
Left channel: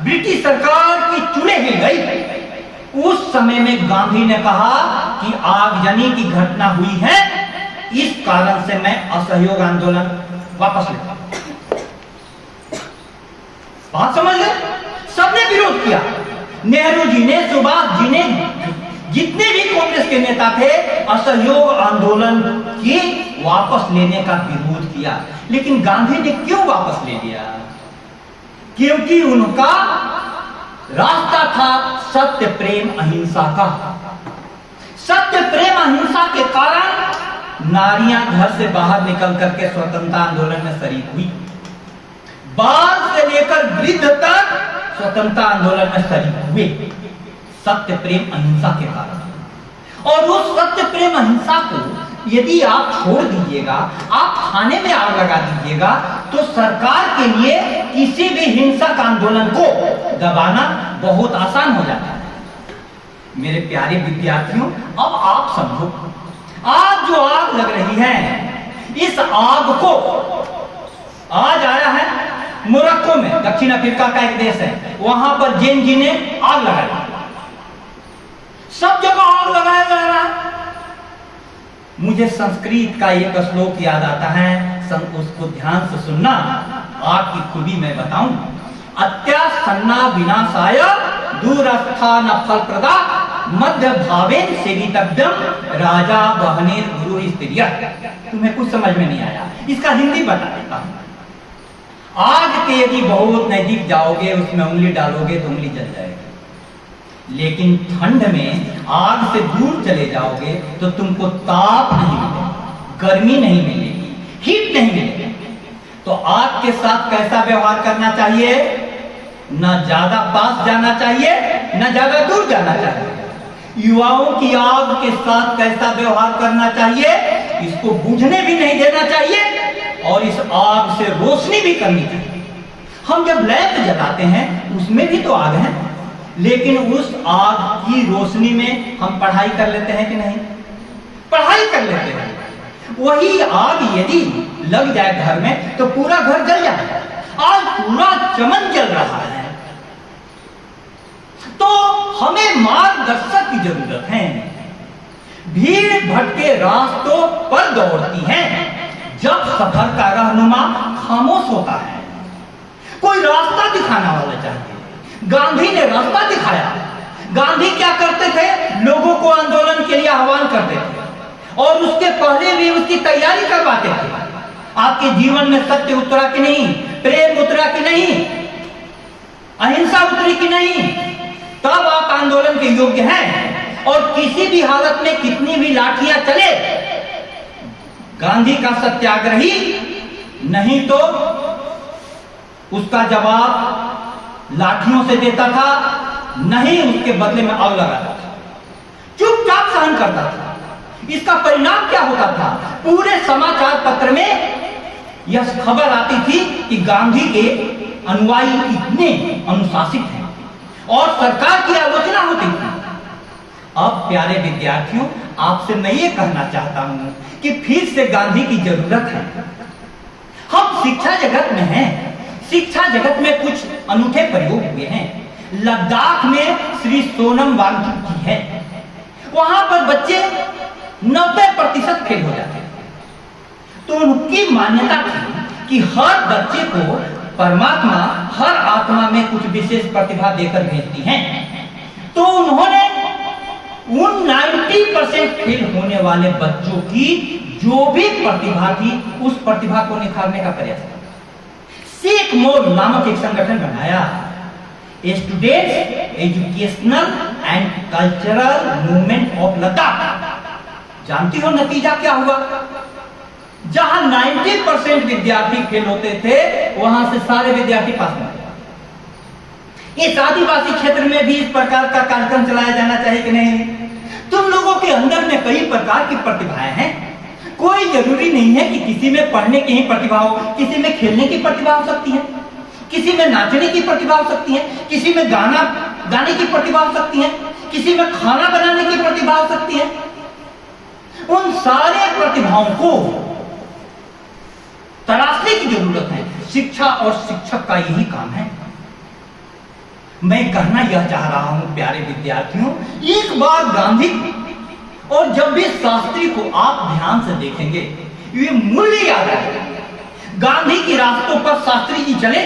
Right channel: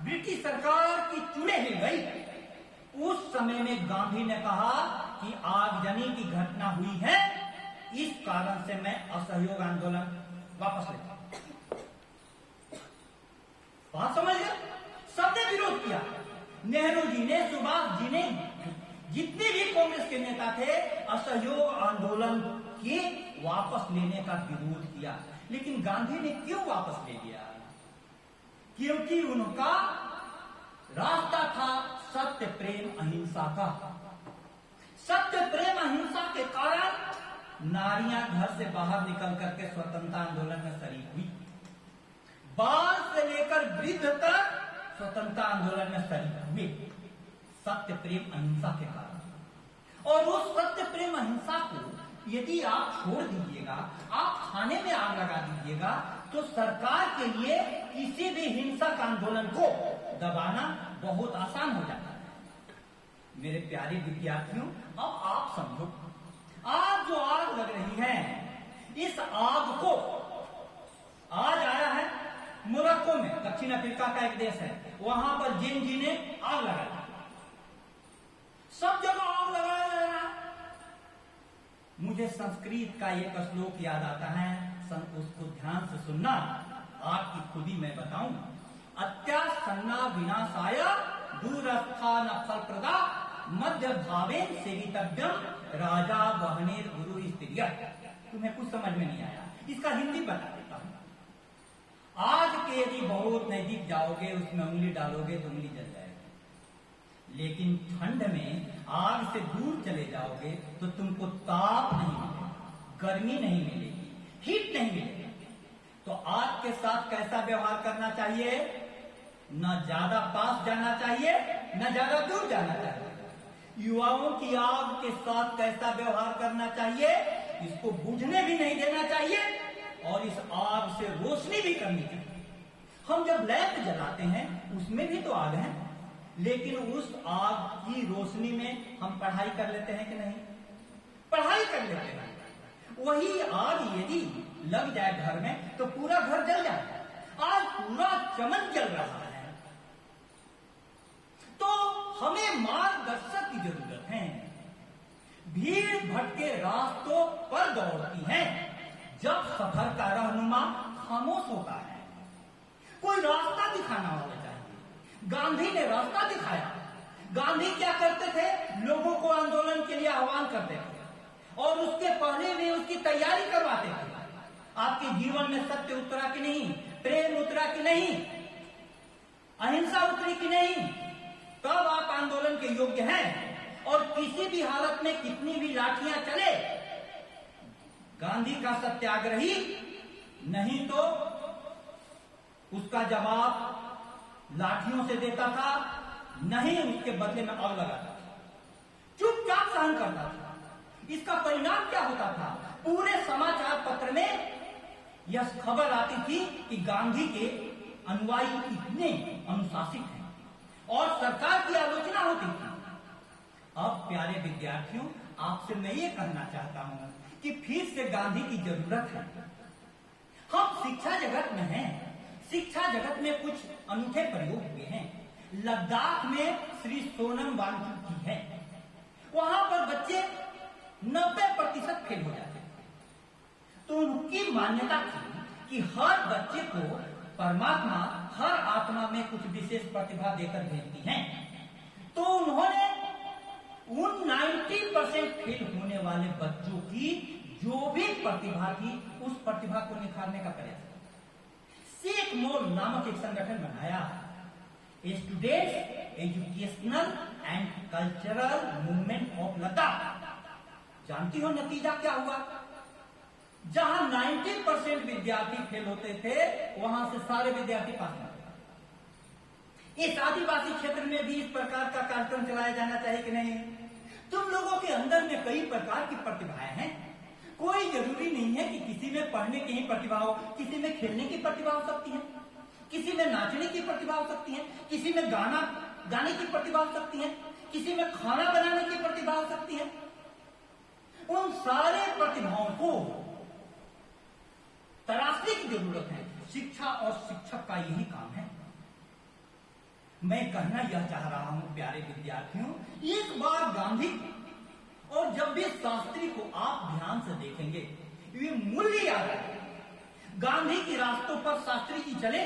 ब्रिटिश सरकार की चुड़े हिल गई। उस समय में गांधी ने कहा कि आगजनी की घटना हुई है, इस कारण से मैं असहयोग आंदोलन वापस लेता हूं। बात समझ गए? सबने विरोध किया। नेहरू जी ने, सुभाष जी ने, जितने भी कांग्रेस के नेता थे, असहयोग आंदोलन के वापस लेने का विरोध किया। लेकिन गांधी ने क्यों वापस ले लिया? क्योंकि उनका रास्ता था सत्य प्रेम अहिंसा का। सत्य प्रेम अहिंसा के कारण नारियां घर से बाहर निकल करके स्वतंत्रता आंदोलन में शरीक हुई। बाल से लेकर वृद्ध तक स्वतंत्रता आंदोलन में शरीक हुए, सत्य प्रेम अहिंसा के कारण। और उस सत्य प्रेम अहिंसा को यदि आप छोड़ दीजिएगा, आप थाने में आग लगा दीजिएगा, तो सरकार के लिए किसी भी हिंसक आंदोलन को दबाना बहुत आसान हो जाता है। मेरे प्यारे विद्यार्थियों, अब आप समझो, आज जो आग लग रही है, इस आग को आज आया है मोरक्को में, दक्षिण अफ्रीका का एक देश है, वहां पर जैन जी ने आग लगाई। सब जगह आग लगाया जा रहा है। मुझे संस्कृत का एक श्लोक याद आता है, उसको ध्यान से सुनना, आग की खूबी मैं बताऊं। अत्यासन्ना विनाशाय दूरस्था न फलप्रदा मध्य भावेन सेवितव्यम राजा बहने गुरु स्त्रिया। तुम्हें कुछ समझ में नहीं आया, इसका हिंदी बता देता हूं। आग के यदि बहुत नजदीक जाओगे, उसमें उंगली डालोगे तो उंगली जल जाएगी। लेकिन ठंड में आग से दूर चले जाओगे तो तुमको ताप नहीं मिलेगा, गर्मी नहीं मिलेगी, हीट नहीं मिलेगी। तो आग के साथ कैसा व्यवहार करना चाहिए? ना ज्यादा पास जाना चाहिए, ना ज्यादा दूर जाना चाहिए। युवाओं की आग के साथ कैसा व्यवहार करना चाहिए? इसको बुझने भी नहीं देना चाहिए और इस आग से रोशनी भी करनी चाहिए। हम जब लैंप जलाते हैं उसमें भी तो आग है, लेकिन उस आग की रोशनी में हम पढ़ाई कर लेते हैं कि नहीं? पढ़ाई कर लेते हैं। वही आग यदि लग जाए घर में तो पूरा घर जल जाए। आज पूरा चमन जल रहा है, तो हमें मार्गदर्शक की जरूरत है। भीड़ भटके रास्तों पर दौड़ती हैं जब सफर का रहनुमा खामोश होता है। कोई रास्ता दिखाना वाला चाहिए। गांधी ने रास्ता दिखाया। गांधी क्या करते थे? लोगों को आंदोलन के लिए आह्वान करते थे और उसके पहले भी उसकी तैयारी करवाते थे। आपके जीवन में सत्य उतरा कि नहीं? प्रेम उतरा कि नहीं? अहिंसा उतरी कि नहीं? तब आप आंदोलन के योग्य हैं। और किसी भी हालत में कितनी भी लाठियां चले, गांधी का सत्याग्रही नहीं तो उसका जवाब लाठियों से देता था, नहीं उसके बदले में आग लगाता था, चुपचाप सहन करता था। इसका परिणाम क्या होता था? पूरे समाचार पत्र में यह खबर आती थी कि गांधी के अनुयायी इतने अनुशासित हैं और सरकार की आलोचना होती थी। अब प्यारे विद्यार्थियों, आपसे मैं ये कहना चाहता हूं कि फिर से गांधी की जरूरत है। हम शिक्षा जगत में हैं, शिक्षा जगत में कुछ अनूठे प्रयोग हुए हैं। लद्दाख में श्री सोनम वांगचुक जी है, वहां पर बच्चे 90% फेल हो जाते हैं। तो उनकी मान्यता थी कि हर बच्चे को परमात्मा हर आत्मा में कुछ विशेष प्रतिभा देकर भेजती हैं। तो उन्होंने उन 90 90% फेल होने वाले बच्चों की जो भी प्रतिभा थी, उस प्रतिभा को निखारने का प्रयास किया। सीख मोर नामक एक संगठन बनाया, students educational and cultural movement of Ladakh. जानती हो नतीजा क्या हुआ? जहां 90% विद्यार्थी फेल होते थे, वहां से सारे विद्यार्थी पास हो गए। इस आदिवासी क्षेत्र में भी इस प्रकार का कार्यक्रम चलाया जाना चाहिए कि नहीं? तुम लोगों के अंदर में कई प्रकार की प्रतिभाएं हैं। कोई जरूरी नहीं है कि किसी में पढ़ने की ही प्रतिभा हो, किसी में खेलने की प्रतिभा हो सकती है, किसी में नाचने की प्रतिभा हो सकती है, किसी में गाने की प्रतिभा हो सकती है, किसी में खाना बनाने की प्रतिभा हो सकती है। उन सारे प्रतिभाओं को तलाशने की जरूरत है। शिक्षा और शिक्षक का यही काम है। मैं कहना यह चाह रहा हूं प्यारे विद्यार्थियों, एक बार गांधी और जब भी शास्त्री को आप ध्यान से देखेंगे, ये मूल्य याद आएगा। गांधी के रास्तों पर शास्त्री जी चले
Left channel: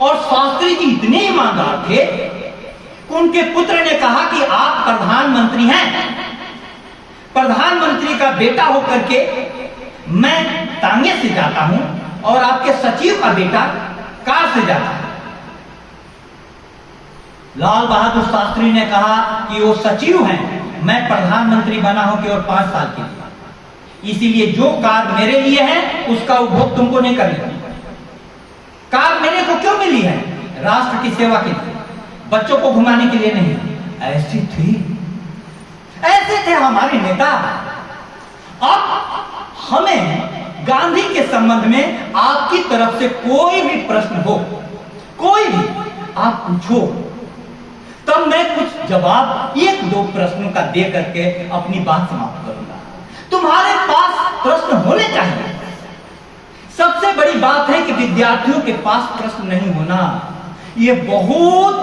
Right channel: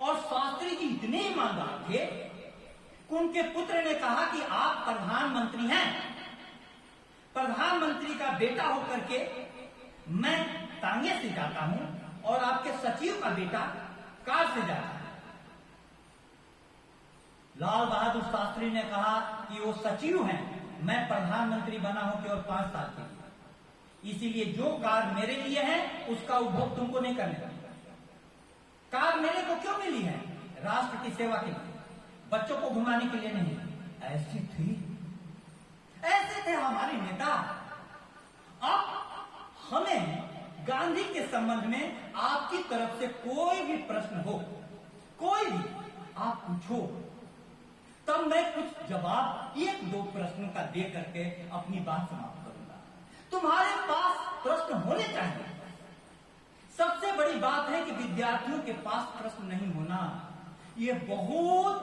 और शास्त्री जी इतने ईमानदार थे कि उनके पुत्र ने कहा कि आप प्रधानमंत्री हैं, प्रधानमंत्री का बेटा होकर के मैं तांगे से जाता हूं और आपके सचिव का बेटा कार से जाता है। लाल बहादुर शास्त्री ने कहा कि वो सचिव हैं, मैं प्रधानमंत्री बना हूं केवल 5 साल के लिए, इसीलिए जो कार मेरे लिए है उसका उपभोग तुमको नहीं करना। कार मेरे को क्यों मिली है? राष्ट्र की सेवा के लिए, बच्चों को घुमाने के लिए नहीं। ऐसे थे हमारे नेता। अब हमें गांधी के संबंध में आपकी तरफ से कोई भी प्रश्न हो, कोई भी आप पूछो, तब मैं कुछ जवाब 1-2 प्रश्नों का दे करके अपनी बात समाप्त करूंगा। तुम्हारे पास प्रश्न होने चाहिए। सबसे बड़ी बात है कि विद्यार्थियों के पास प्रश्न नहीं होना, यह बहुत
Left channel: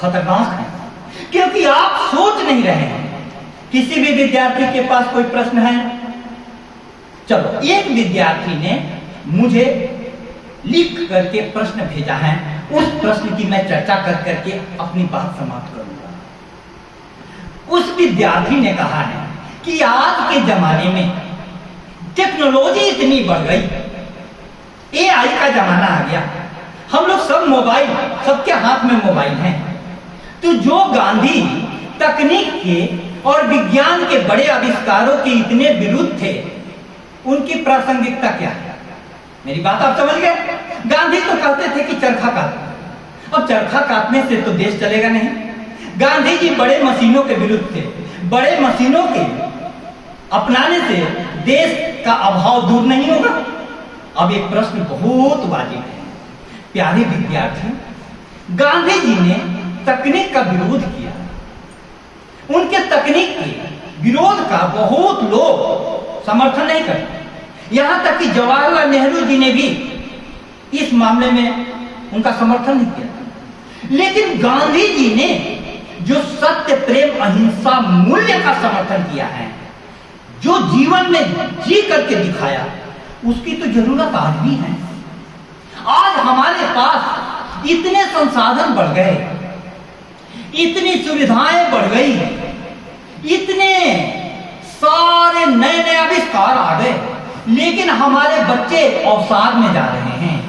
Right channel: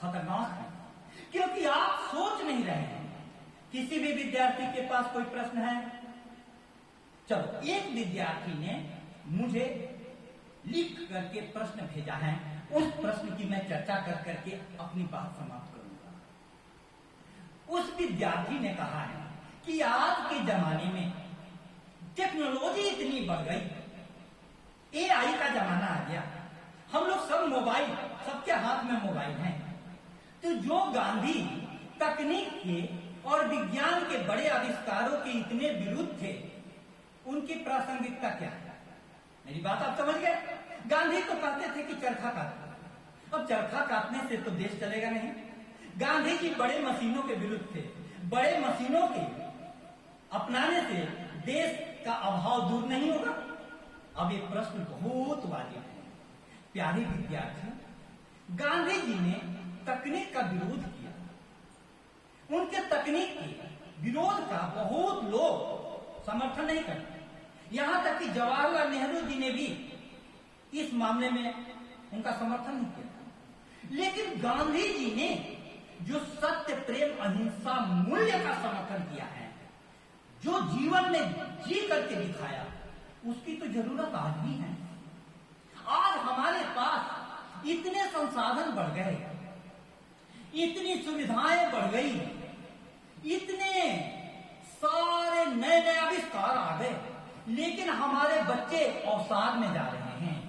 खतरनाक है, क्योंकि आप सोच नहीं रहे हैं। किसी भी विद्यार्थी के पास कोई प्रश्न है? चलो, एक विद्यार्थी ने मुझे लिख करके प्रश्न भेजा है, उस प्रश्न की मैं चर्चा कर करके अपनी बात समाप्त करूंगा। उस विद्यार्थी ने कहा है कि आज के जमाने में टेक्नोलॉजी इतनी बढ़ गई, एआई का जमाना आ गया, हम लोग सब मोबाइल, सबके हाथ में मोबाइल है। तो जो गांधी तकनीक के और विज्ञान के बड़े आविष्कारों के इतने विरुद्ध थे, उनकी प्रासंगिकता क्या है? मेरी बात आप समझ गए? गांधी तो कहते थे कि चरखा काटो। अब चरखा काटने से तो देश चलेगा नहीं। गांधी जी बड़े मशीनों के विरुद्ध थे। बड़े मशीनों के अपनाने से देश का अभाव दूर नहीं होगा। अब एक प्रश्न बहुत वाजिब है प्यारे विद्यार्थी, गांधी जी ने तकनीक का विरोध किया। उनके तकनीक के विरोध का बहुत लोग समर्थन नहीं करते। यहां तक कि जवाहरलाल नेहरू जी ने भी इस मामले में उनका समर्थन नहीं किया। लेकिन गांधी जी ने जो सत्य, प्रेम, अहिंसा मूल्य का समर्थन किया है, जो जीवन में जी करके दिखाया, उसकी तो जरूरत आज भी है। आज हमारे पास इतने संसाधन बढ़ गए, इतनी सुविधाएं बढ़ गई, इतने सारे नए नए आविष्कार आ गए, लेकिन हमारे बच्चे अवसाद में जा रहे हैं।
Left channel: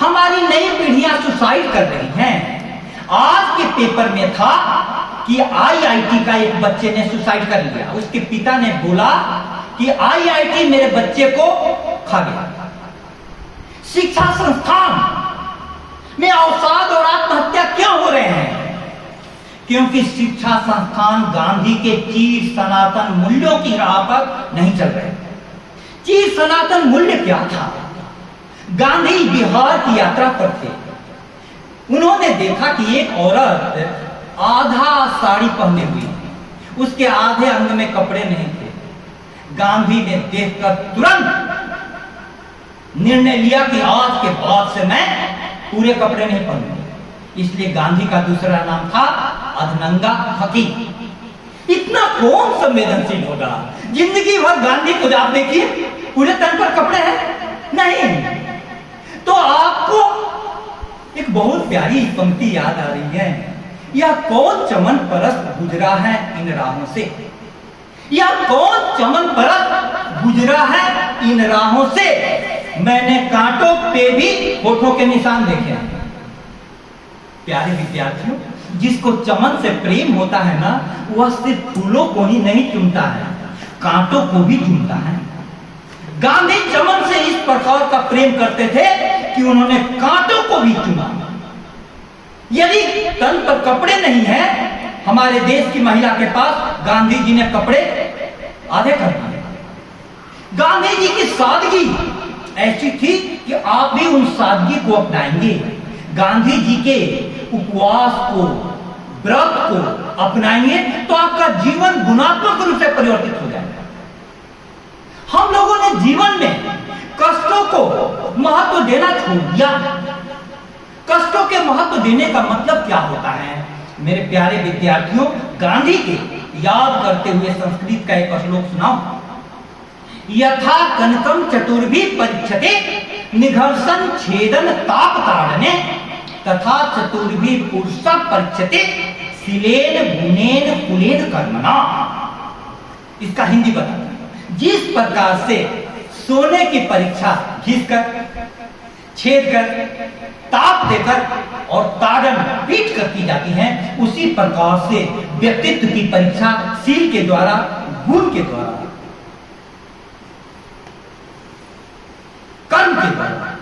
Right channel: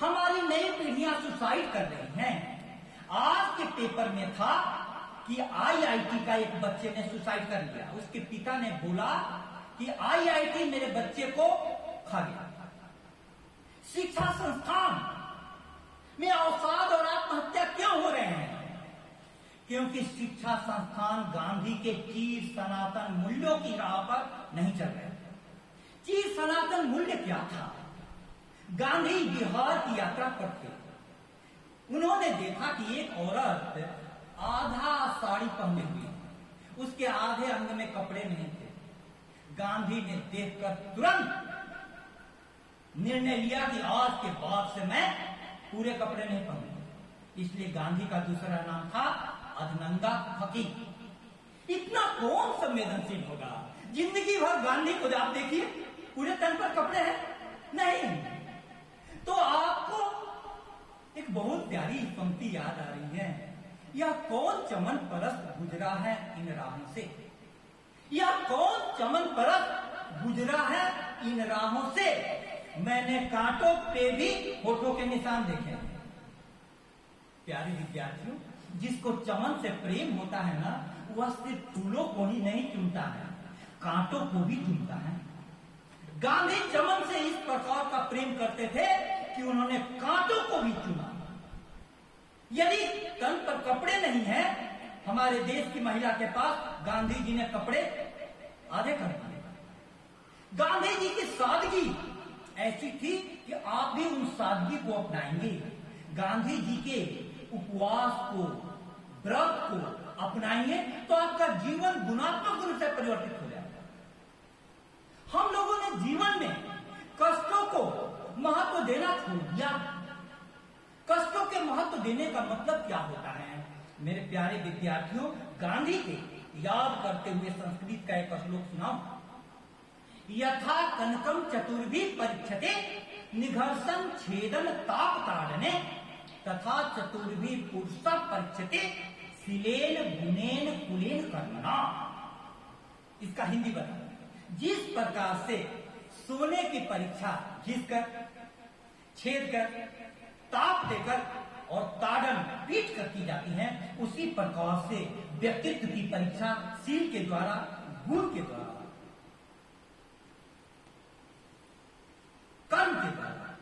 हमारी नई पीढ़ियां सुसाइड कर रही हैं। आज के पेपर में था कि आईआईटी का एक बच्चे ने सुसाइड कर लिया। उसके पिता ने बोला कि आईआईटी मेरे बच्चे को खा गया। शिक्षा संस्थान में अवसाद और आत्महत्या क्यों हो रहे हैं? क्योंकि शिक्षा संस्थान गांधी के चीर सनातन मूल्यों की राह पर नहीं चल रहे। चीर सनातन मूल्य क्या था? गांधी बिहार की यात्रा पर थे। उन्होंने देखा कि एक औरत आधा साड़ी पहने हुई, उसके आधे अंग में कपड़े नहीं थे। गांधी ने देखकर तुरंत निर्णय लिया कि आज के बाद से मैं पूरे कपड़े नहीं पहनूंगा। इसलिए गांधी का दूसरा नाम था अधनंगा फकीर। इतना कौन संवेदनशील होगा? जिंदगी भर गांधी को आप देखिए, पूरे तन पर कपड़े हैं नहीं। तो आपको एक बहुत प्यारी पंक्ति याद आ रही है। यह कौन चमन परस्त गुजरा है इन राहों से, यह कौन चमन परस्त गुजरा है इन राहों से, मैंने कांटों पे भी होठों के निशान देखे हैं। प्यारे विद्यार्थियों, जिसको चमन से प्रेम होता है ना, वह सिर्फ फूलों को ही नहीं चुनता है, कांटों को भी चुनता है। गांधी चमन से इस प्रकार का प्रेम करते थे कि उन्होंने कांटों को भी चुना। यदि तन पर कपड़े नहीं हैं, हमारे देश की महिला के पास, गांधी जी ने कपड़े आधे कर दिए। गांधी जी की सादगी ऐसी थी कि आप भी उन सादगी को अपनाएंगे। गांधी जी के उपवास को, व्रत को अपनाएंगे तो आपका जीवन गुणात्मक रूप से परिवर्तित हो जाएगा। हम लोगों ने जीवन में कष्टों को महत्व देना छोड़ दिया। कष्टों के महत्व देने का मतलब क्या होता है? मेरे प्यारे विद्यार्थियों, गांधी के याद करते हुए संस्कृत का एक श्लोक सुनाओ। यथा कनकम चतुर्भी परीक्षते निघर्षण छेदन ताप ताड़ने तथा चतुर्भी पुरुषा परीक्षते शिलेन गुणेन कुलेन कर्मणा। इसका हिंदी बता। जिस प्रकार से सोने की परीक्षा घिसकर, छेद कर, ताप देकर और ताड़न पीट कर की जाती है, उसी प्रकार से व्यक्तित्व की परीक्षा शील के द्वारा, गुण के द्वारा, कर्म के द्वारा,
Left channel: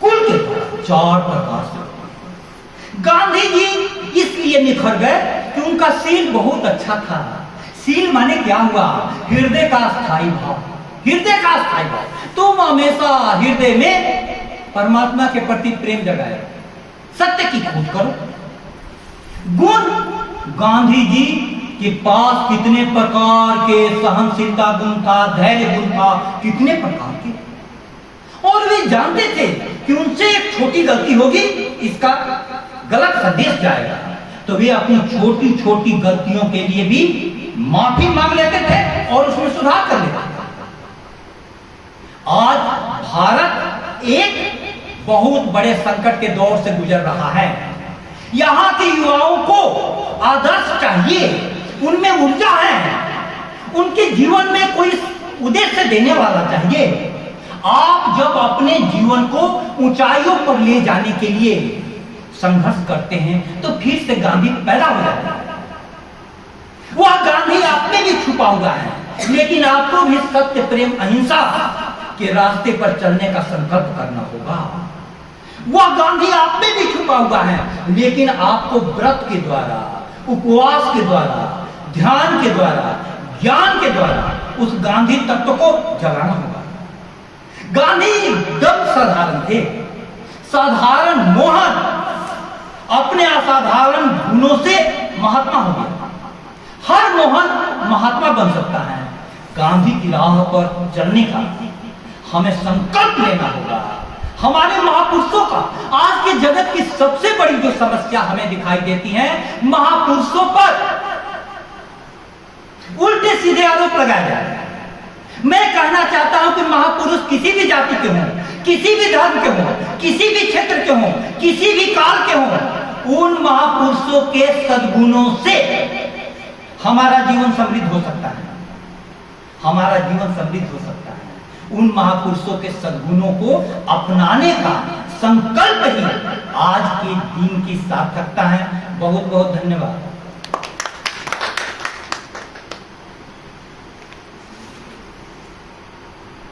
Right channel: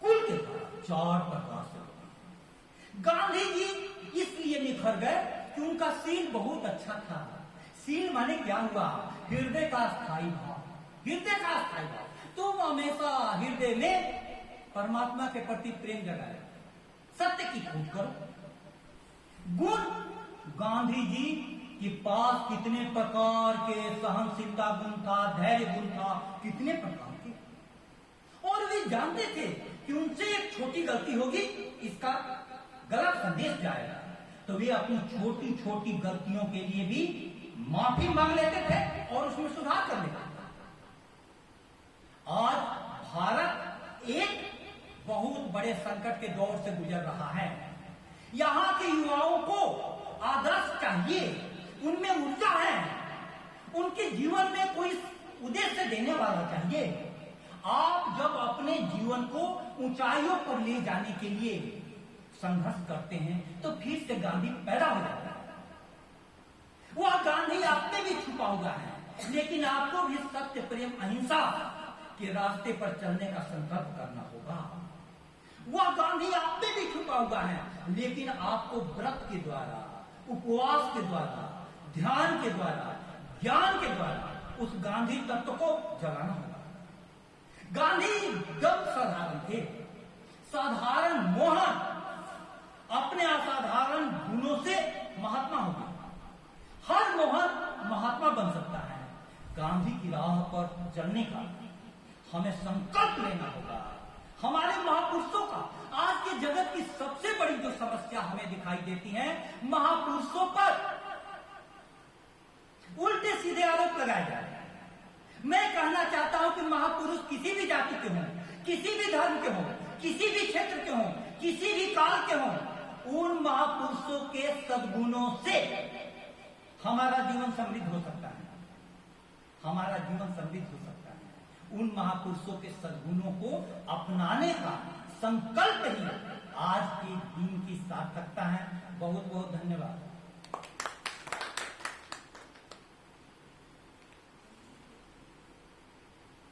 कुल के द्वारा, 4 प्रकार से। गांधी जी इसलिए निखर गए कि उनका शील बहुत अच्छा था। शील माने क्या हुआ? हृदय का स्थायी भाव। हृदय का स्थायी भाव। तुम हमेशा हृदय में परमात्मा के प्रति प्रेम जगाए, सत्य की खोज करो। गुण, गांधी जी के पास कितने प्रकार के सहनशीलता गुण था, धैर्य गुण था, कितने प्रकार के। और वे जानते थे कि उनसे एक छोटी गलती होगी, इसका गलत संदेश जाएगा, तो वे अपनी छोटी छोटी गलतियों के लिए भी माफी मांग लेते थे और उसमें सुधार कर लेते थे। आज भारत एक बहुत बड़े संकट के दौर से गुजर रहा है। यहाँ के युवाओं को आदर्श चाहिए, उनमें ऊर्जा है, उनके जीवन में कोई उद्देश्य देने वाला चाहिए। आप जब अपने जीवन को ऊंचाइयों पर ले जाने के लिए संघर्ष करते हैं तो फिर से गांधी पैदा हो जाता है। वह गांधी आप में भी छुपा हुआ है, लेकिन आपको भी सत्य, प्रेम, अहिंसा के रास्ते पर चलने का संकल्प करना होगा। वह गांधी आप में भी छुपा हुआ है, लेकिन आपको व्रत के द्वारा, उपवास के द्वारा, ध्यान के द्वारा, ज्ञान के द्वारा उस गांधी तत्व को जगाना होगा। गांधी एकदम साधारण थे, साधारण मोहन अपने असाधारण गुणों से महात्मा हो गया। हर मोहन महात्मा बन सकता है। गांधी की राह पर चलने का हमें संकल्प लेना होगा। हमारे महापुरुषों का, आज के जगत की सबसे बड़ी जो समस्या हमें दिखाई देती है, महापुरुषों पर उल्टे सीधे आरोप लगाए जा रहे हैं। मैं कहना चाहता हूं कि महापुरुष किसी भी जाति के हों, किसी भी धर्म के हों, किसी भी क्षेत्र के हों, किसी भी काल के हों, उन महापुरुषों के सद्गुणों से हमारा जीवन समृद्ध हो सकता है। हमारा जीवन समृद्ध हो सकता है। उन महापुरुषों के सद्गुणों को अपनाने का संकल्प ही आज के दिन की सार्थकता है। बहुत बहुत धन्यवाद।